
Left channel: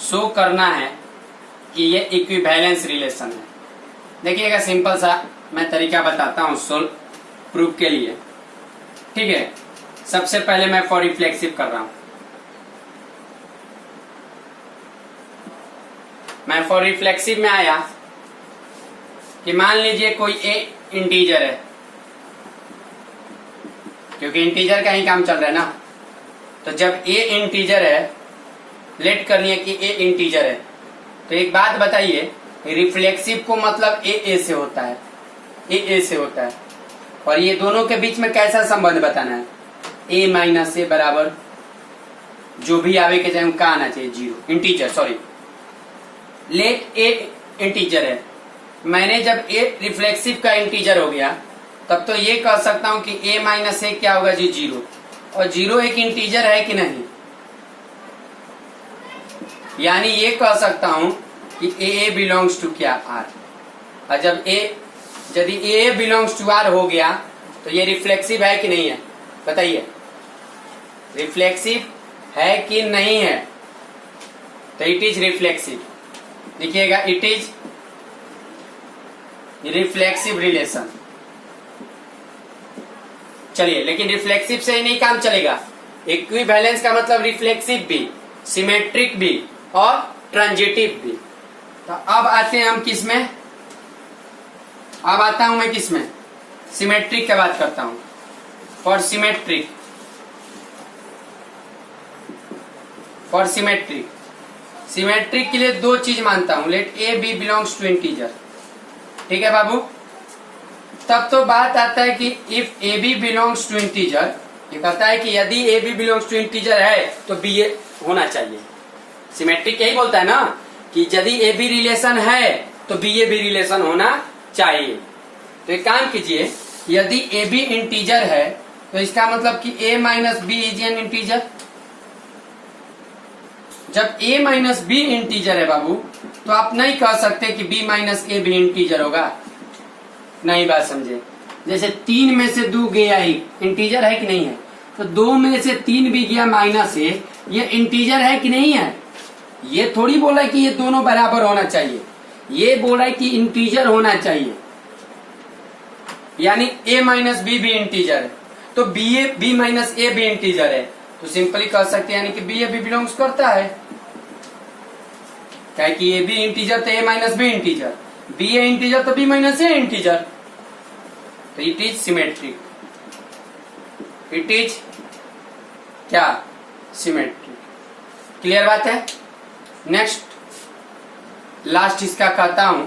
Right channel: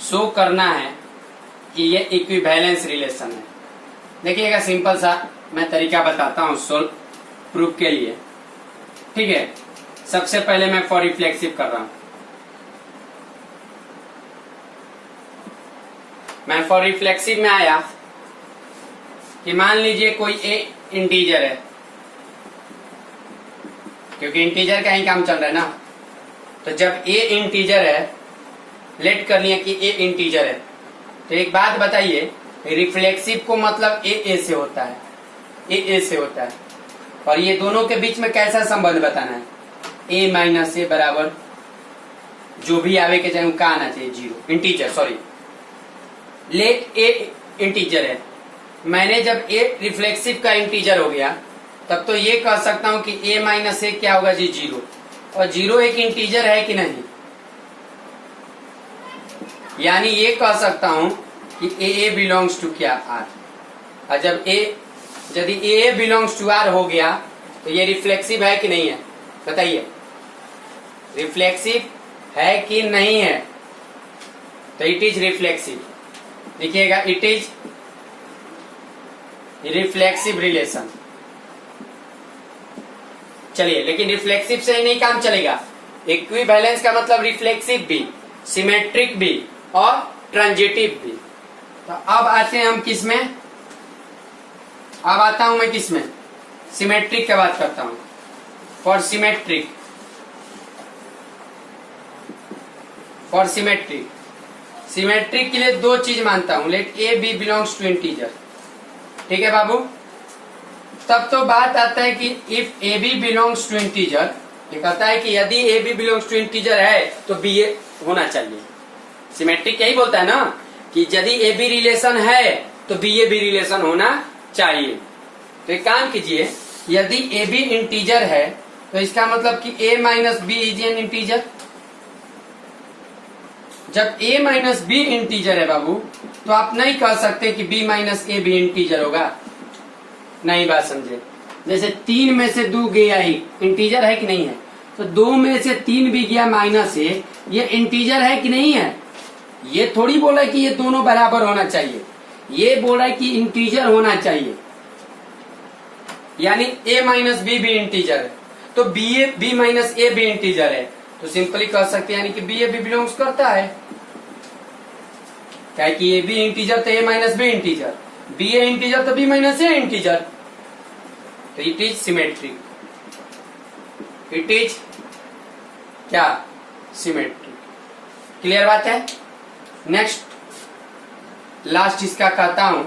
Show करना है कि ये इक्विवेलेंस रिलेशन है। देखिएगा, सिंपल सा मैं तरीका बताता हूं सोल्व प्रूफ के लिए, ठीक है। सबसे पहले मैं फॉर रिफ्लेक्सिव कर रहा हूं। मैं फॉर रिफ्लेक्सिव में आया कि मान लीजिए कोई ए इंटीजर है, क्योंकि इंटीजर का ही काम चल रहा है ना। तो जब ए इंटीजर है, लेट कर लिया कि ए इंटीजर है, तो एक बात बताइए, रिफ्लेक्सिव को मतलब ए से होता है, ए से होता है। और ये दोनों के बीच में कैसा संबंध बताना है, ए माइनस ए बराबर जो भी आवे के चाहे उनका आना चाहिए zero, integer sorry, let A integer है। मैंने जब ए रिफ्लेक्सिव का इंटीजर हो गया तब तो ये कह सकता हूं कि ए माइनस ए क्या होगा जी जीरो, और जीरो एक इंटीजर है कि नहीं, यानी ये कह सकता हूं कि ए बिलोंग्स टू क्या आर। और जब यदि ए बिलोंग्स टू आर हो गया तो ये रिफ्लेक्सिव है कि नहीं है, बताइए रिफ्लेक्सिव है कि नहीं है, तो इट इज रिफ्लेक्सिव, लिखिएगा इट इज रिफ्लेक्सिव रिलेशन। चलिए, लेकिन रिफ्लेक्सिव से ही नहीं काम चलेगा, इक्विवेलेंस का मतलब रिफ्लेक्सिव भी, सिमेट्रिक भी और ट्रांजिटिव भी। तो अब आते हैं हम किस में, अब आता हूं मैं किस में, सिमेट्रिक की बात करता हूं। For symmetric, for symmetric, symmetric के लिए दो चीज मानता हूं, let A B belongs to integer, ठीक है बाबू। तब तो बात आता है कि if A B belongs to integer, ये कहता है कि यदि A B belongs to integer है तो बी ए होना चाहिए। सिमेट्रिक यही बोलता है ना कि यदि ए बी रिलेशन है तो बी ए भी रिलेशन होना चाहिए। तो एक काम कीजिए, यदि ए बी इंटीजर है तो इसका मतलब कि A minus B is an integer. जब a माइनस बी इंटीजर है बाबू, तो आप नहीं कह सकते कि b माइनस ए भी इंटीजर होगा, नहीं बात समझे। जैसे 3 में से 2 गया ही इंटीजर है कि नहीं है, तो 2 में से 3 भी गया माइनस ए, ये इंटीजर है कि नहीं है। ये थोड़ी बोला कि ये दोनों बराबर होना चाहिए, ये बोला कि इंटीजर होना चाहिए, यानी a माइनस बी भी इंटीजर है, तो b माइनस ए भी इंटीजर है, तो सिंपली कह सकते हैं यानी कि बी ए भी बिलोंग्स करता है, क्या कि ए बी इंटीजर तो A minus B integer, B A integer तो बी माइनस ए इंटीजर, तो it is symmetric, it is क्या सिमेट्रिक। क्लियर बात है। नेक्स्ट लास्ट इसका कहता हूं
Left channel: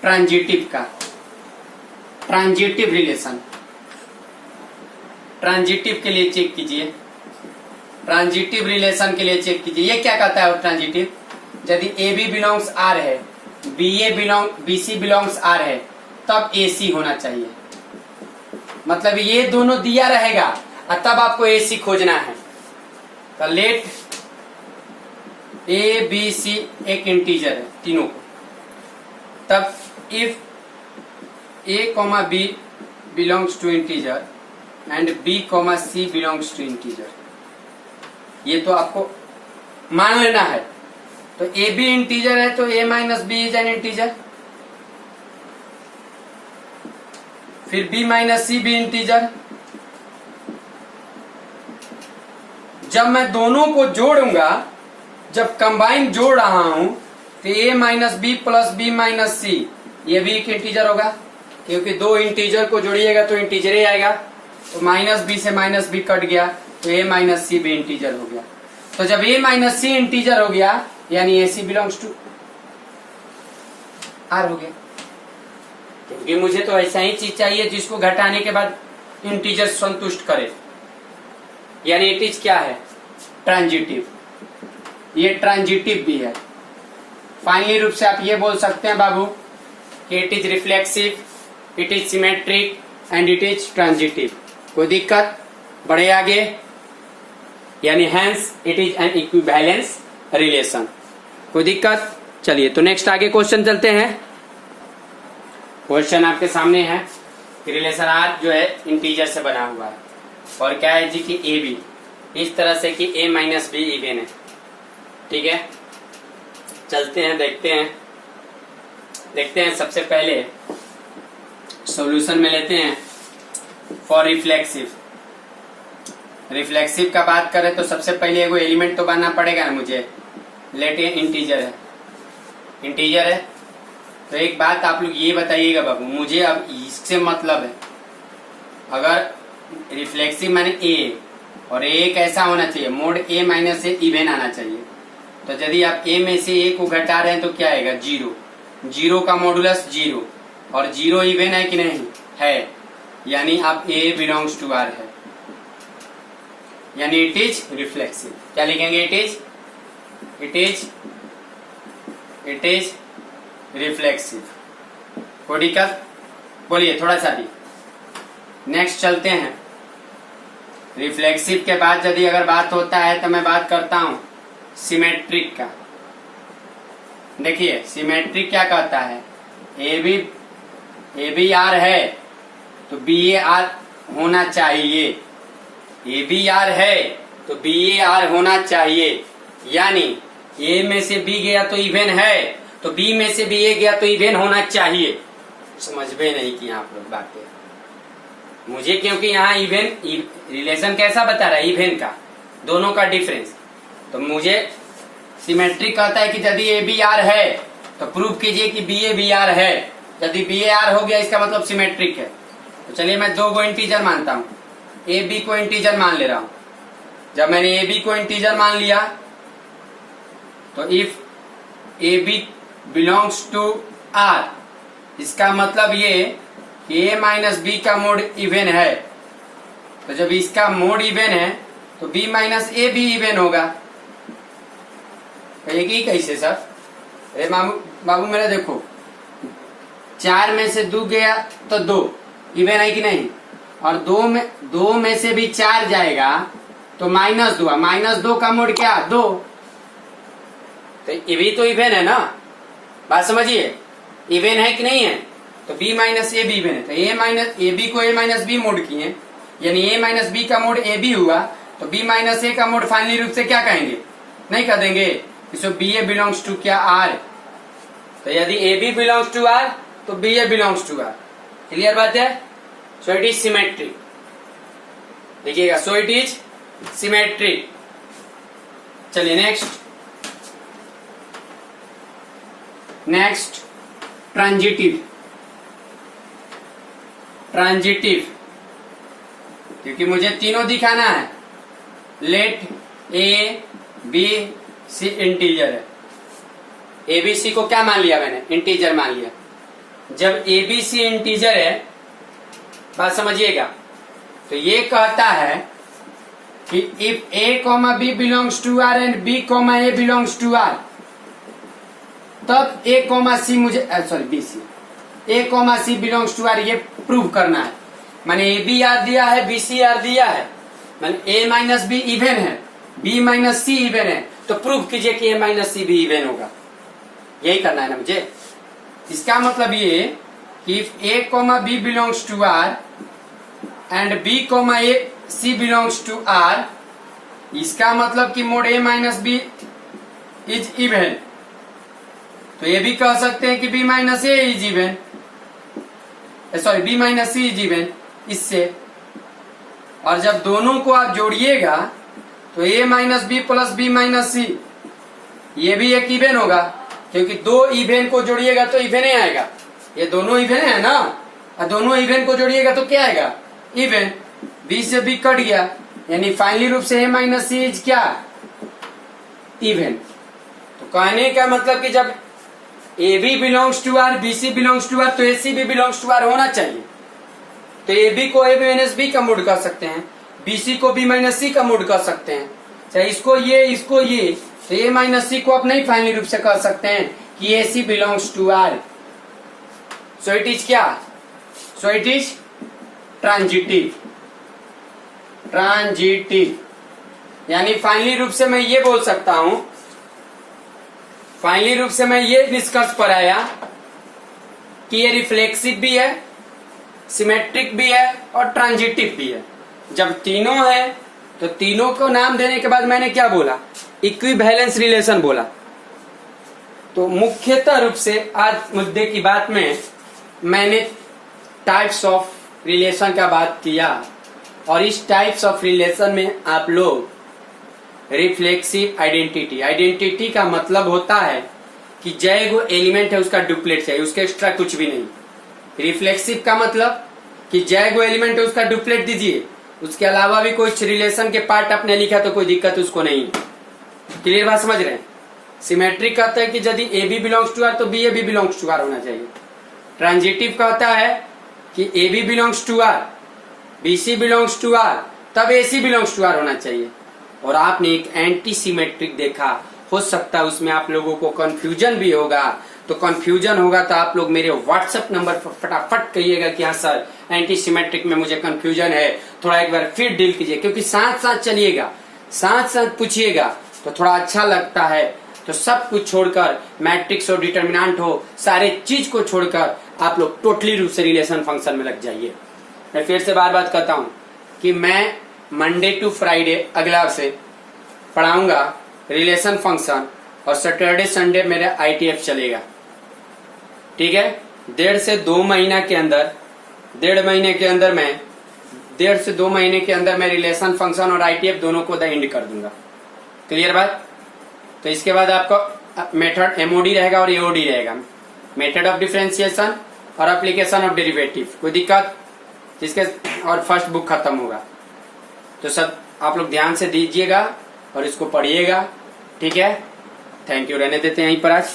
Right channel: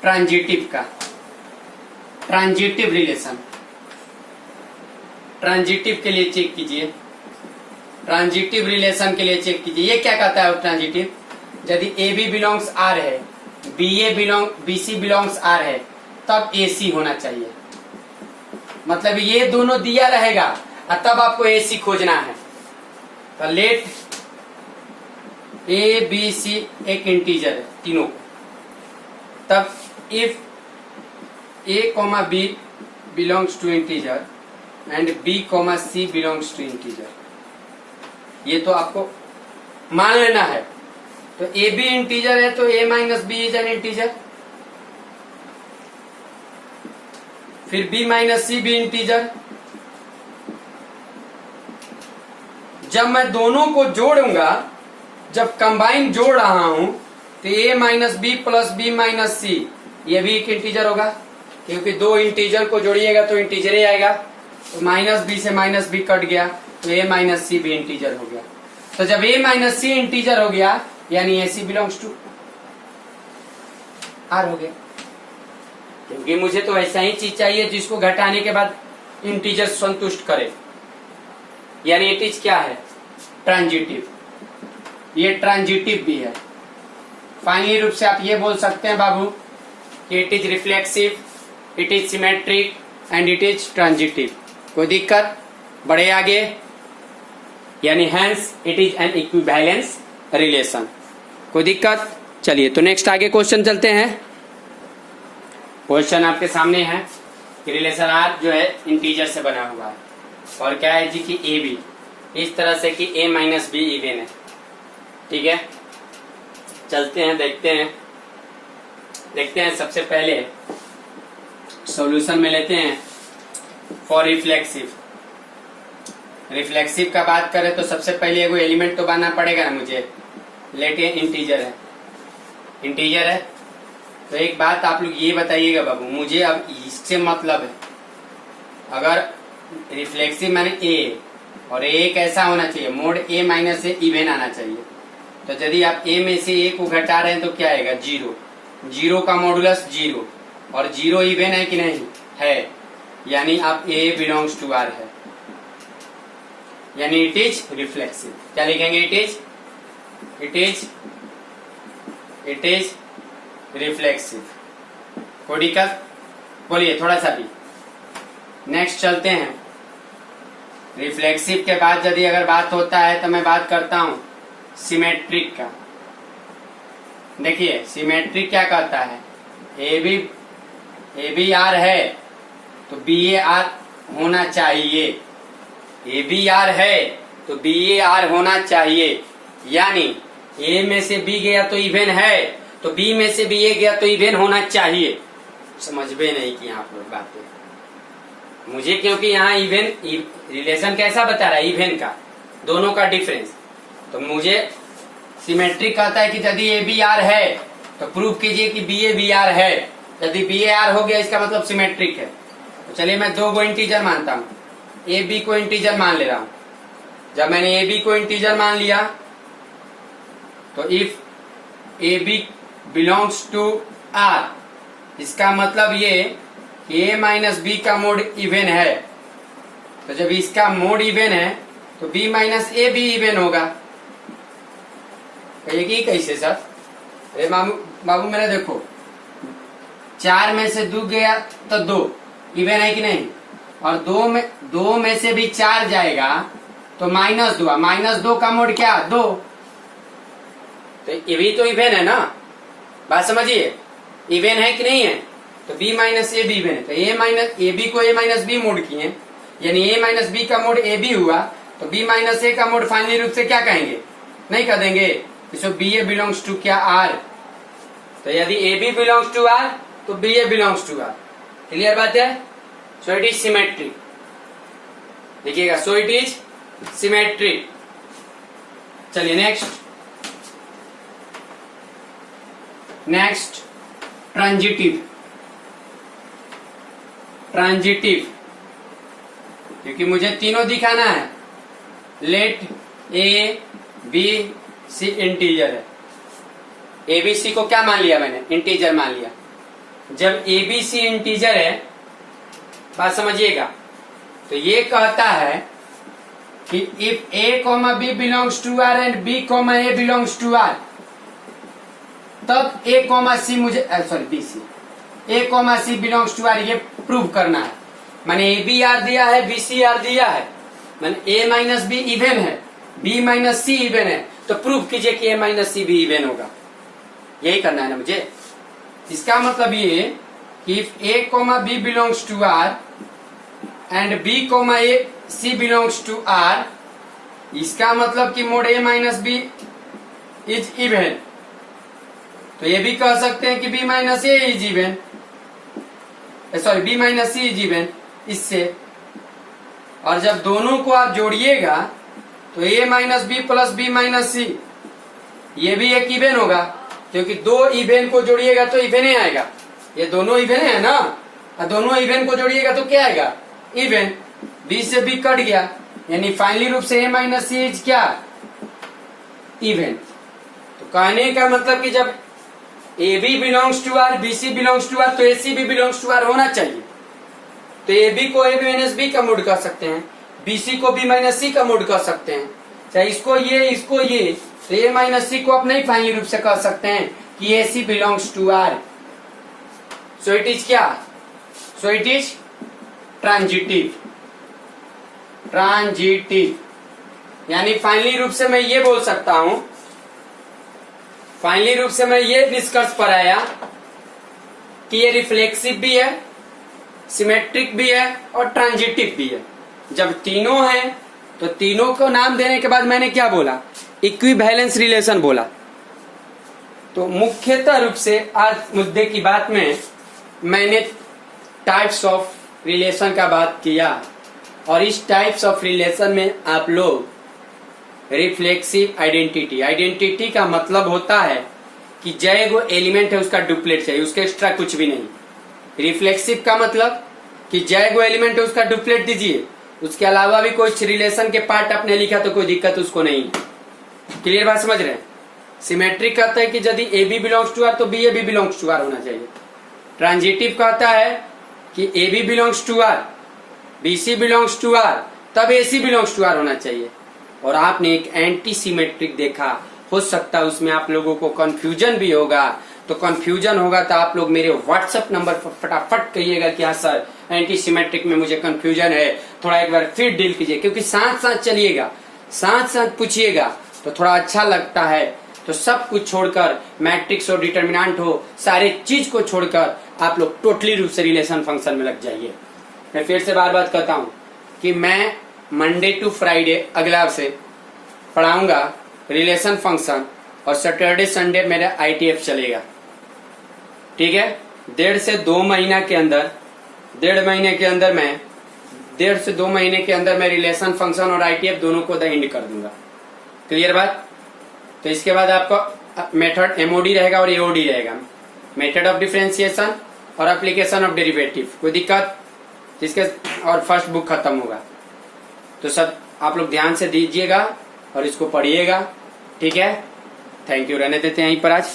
ट्रांजिटिव का, ट्रांजिटिव रिलेशन। ट्रांजिटिव के लिए चेक कीजिए, ट्रांजिटिव रिलेशन के लिए चेक कीजिए, ये क्या कहता है ट्रांजिटिव, यदि ए बी बिलोंग्स आर है, बी सी बिलोंग्स आर है, तब ए सी होना चाहिए। मतलब ये दोनों दिया रहेगा और तब आपको ए सी खोजना है। तो लेट ए बी सी एक इंटीजर है तीनों को, तब if A comma B belongs to integer and B comma C belongs to integer, ये तो आपको मान लेना है। तो ए बी इंटीजर है तो A minus B is an integer, फिर बी माइनस सी भी इंटीजर। जब मैं दोनों को जोड़ूंगा, जब कंबाइन जोड़ रहा हूं, तो A minus B plus B minus C, ये भी एक इंटीजर होगा, क्योंकि दो इंटीजर को जोड़िएगा तो इंटीजर ही आएगा। तो माइनस बी से माइनस बी कट गया तो ए माइनस सी भी इंटीजर हो गया। तो जब ए माइनस सी इंटीजर हो गया यानी ए सी बिलोंग्स टू आर हो गया, क्योंकि मुझे तो ऐसा ही चीज चाहिए जिसको घटाने के बाद इंटीजर संतुष्ट करे, यानी इट इज क्या है ट्रांजिटिव। ये ट्रांजिटिव भी है। फाइनली रूप से आप ये बोल सकते हैं बाबू कि it is reflexive, it is symmetric and it is transitive. कोई दिक्कत, बढ़े आगे, यानी hence it is an equivalence relation. कोई दिक्कत, चलिए तो नेक्स्ट आगे क्वेश्चन चलते हैं। क्वेश्चन आपके सामने है कि रिलेशन आर जो है इंटीजर से बना हुआ है और क्या है जी कि ए बी इस तरह से कि ए माइनस बी इवन है, ठीक है। चलते हैं, देखते हैं सबसे पहले सॉल्यूशन में लेते हैं फॉर रिफ्लेक्सिव। रिफ्लेक्सिव का बात करें तो सबसे पहले एगो एलिमेंट तो बनना पड़ेगा ना मुझे, लेट ए इंटीजर है, इंटीजर है। तो एक बात आप लोग ये बताइएगा बाबू, मुझे अब इससे मतलब है, अगर रिफ्लेक्सिव माने ए और ए कैसा होना चाहिए, mode A minus A even आना चाहिए। तो यदि आप ए में से ए को घटा रहे हैं तो क्या आएगा जीरो, जीरो का मॉडुलस जीरो, और जीरो इवन है कि नहीं है, यानी अब A बिलोंग्स टू R है, यानी इट इज रिफ्लेक्सिव। क्या लिखेंगे? It is reflexive. कोई दिक्कत? बोलिए थोड़ा सा भी। नेक्स्ट चलते हैं। रिफ्लेक्सिव के बाद यदि अगर बात होता है तो मैं बात करता हूं सिमेट्रिक का। देखिए सिमेट्रिक क्या कहता है, ए बी आर है तो बी ए आर होना चाहिए, ए बी आर है तो बी ए आर होना चाहिए, यानी ए में से बी गया तो इवन है, तो बी में से बी ए गया तो इवन होना चाहिए। समझ में नहीं कि आप लोग बातें मुझे, क्योंकि यहाँ इवन रिलेशन कैसा बता रहा है, इवन का, दोनों का डिफरेंस। तो मुझे सिमेट्रिक कहता है कि यदि ए बी आर है तो प्रूव कीजिए कि बी ए बी आर है। यदि बी ए आर हो गया इसका मतलब सिमेट्रिक है। तो चलिए मैं दो को इंटीजर मानता हूं, ए बी को इंटीजर मान ले रहा हूं। जब मैंने ए बी को इंटीजर मान लिया तो if A B belongs to R, इसका मतलब ये कि ए माइनस बी का मोड इवन है, तो जब इसका मोड इवन है तो बी माइनस ए भी इवन होगा। कहिए कैसे सर? अरे बाबू मेरे देखो, 4 में से 2 गया तो 2 इवन है कि नहीं, और 2 में से भी 4 जाएगा तो -2, -2 का मोड क्या? 2। तो ये भी तो इवन है ना, बात समझिए, इवन है कि नहीं है? तो b minus A be even है, तो ए बी को a माइनस बी मोड किए, यानी a माइनस बी का मोड ए बी हुआ, तो b माइनस ए का मोड फाइनली रूप से क्या कहेंगे? नहीं कह देंगे। तो बी ए बिलोंग्स टू क्या? आर। तो यदि A B belongs to R तो B A belongs to R. Clear बात है? So it is symmetric. देखिएगा, सो इट इज सिमेट्रिक। चलिए नेक्स्ट ट्रांजिटिव, क्योंकि मुझे तीनों दिखाना है। Let A B C integer है, ए बी सी को क्या मान लिया मैंने? इंटीजर मान लिया। जब ए बी सी इंटीजर है, बात समझिएगा, तो ये कहता है कि if A comma B belongs to R and B comma A belongs to R, तब ए कॉमा सी मुझे B C A comma C belongs to R, ये प्रूव करना है। मैंने ए बी आर दिया है, बी सी आर दिया है, मैंने ए माइनस बी इवन है, बी माइनस सी इवन है, तो प्रूव कीजिए कि ए माइनस सी भी इवन होगा। यही करना है ना मुझे। इसका मतलब ये कि if A comma B belongs to R and B comma A C belongs to R, इसका मतलब कि mod A minus B is even. तो ये भी कह सकते हैं कि B minus A is even, sorry B minus C is even इससे। और जब दोनों को आप जोड़िएगा तो A minus B plus B minus C, ये भी एक इवन होगा, क्योंकि 2 इवन को जोड़िएगा तो इवन ही आएगा। ये दोनों इवन है ना, और दोनों इवन को जोड़िएगा तो क्या आएगा? इवन। बी से बी कट गया, यानी फाइनली रूप से ए माइनस सी इज क्या? इवन। तो कहने का मतलब कि जब A B belongs to R, B C belongs to R, तो ए सी भी बिलोंग्स टू आर होना चाहिए। तो ए बी को ए माइनस बी का मोड कर सकते हैं, बी सी को बी माइनस सी का मोड कर सकते हैं, चाहे इसको ये, तो ए माइनस सी को आप नहीं फाइनली रूप से कर सकते हैं कि A C belongs to R. So it is क्या? So it is transitive. यानी फाइनली रूप से मैं ये बोल सकता हूं, फाइनली रूप से मैं ये निष्कर्ष पर आया कि ये रिफ्लेक्सिव भी है, सिमेट्रिक भी है और ट्रांजिटिव भी है। जब तीनों है तो तीनों को नाम देने के बाद मैंने क्या बोला? इक्विवेलेंस रिलेशन बोला। तो मुख्यतः रूप से आज मुद्दे की बात में मैंने टाइप्स ऑफ रिलेशन का बात किया, और इस टाइप्स ऑफ रिलेशन में आप लोग रिफ्लेक्सिव आइडेंटिटी का मतलब होता है कि जो एलिमेंट है उसका डुप्लीकेट चाहिए, उसके एक्स्ट्रा कुछ भी नहीं। रिफ्लेक्सिव का मतलब कि जो एलिमेंट है उसका डुप्लीकेट दीजिए, उसके अलावा भी कोई रिलेशन के पार्ट आपने लिखा तो कोई दिक्कत उसको नहीं। क्लियर बात समझ रहे हैं? सिमेट्रिक कहता है कि यदि A B belongs to R तो B A B belongs to R होना चाहिए। ट्रांजिटिव कहता है कि A B belongs to R, B C belongs to R, तब A C belongs to R होना चाहिए। और आपने एक एंटी सिमेट्रिक देखा, हो सकता है उसमें आप लोगों को कंफ्यूजन भी होगा, तो कंफ्यूजन होगा तो आप लोग मेरे व्हाट्सएप नंबर पर फटाफट कहिएगा कि हाँ सर एंटी सिमेट्रिक में मुझे कंफ्यूजन है, थोड़ा एक बार फिर डील कीजिए, क्योंकि साथ साथ चलिएगा, साथ साथ पूछिएगा तो थोड़ा अच्छा लगता है। तो सब कुछ छोड़कर, मैट्रिक्स हो, डिटर्मिनेंट हो, सारे चीज को छोड़कर आप लोग टोटली रूप से रिलेशन फंक्शन में लग जाइए। मैं फिर से बार बार कहता हूँ कि मैं मंडे टू फ्राइडे अगला से पढ़ाऊंगा रिलेशन फंक्शन, और सैटरडे संडे मेरा ITF चलेगा, ठीक है। 1.5 से 2 महीना के अंदर, 1.5 महीने के अंदर मैं 1.5 से 2 महीने के अंदर मैं रिलेशन फंक्शन और ITF दोनों को द एंड कर दूंगा। क्लियर बात। तो इसके बाद आपका मेथड MOD रहेगा और AOD रहेगा, मेथड ऑफ डिफरेंशिएशन और एप्लीकेशन ऑफ डेरिवेटिव। कोई दिक्कत जिसके, और फर्स्ट बुक खत्म होगा। तो सब आप लोग ध्यान से दीजिएगा और इसको पढ़िएगा, ठीक है। Thank you. रहने देते हैं यहीं पर आज।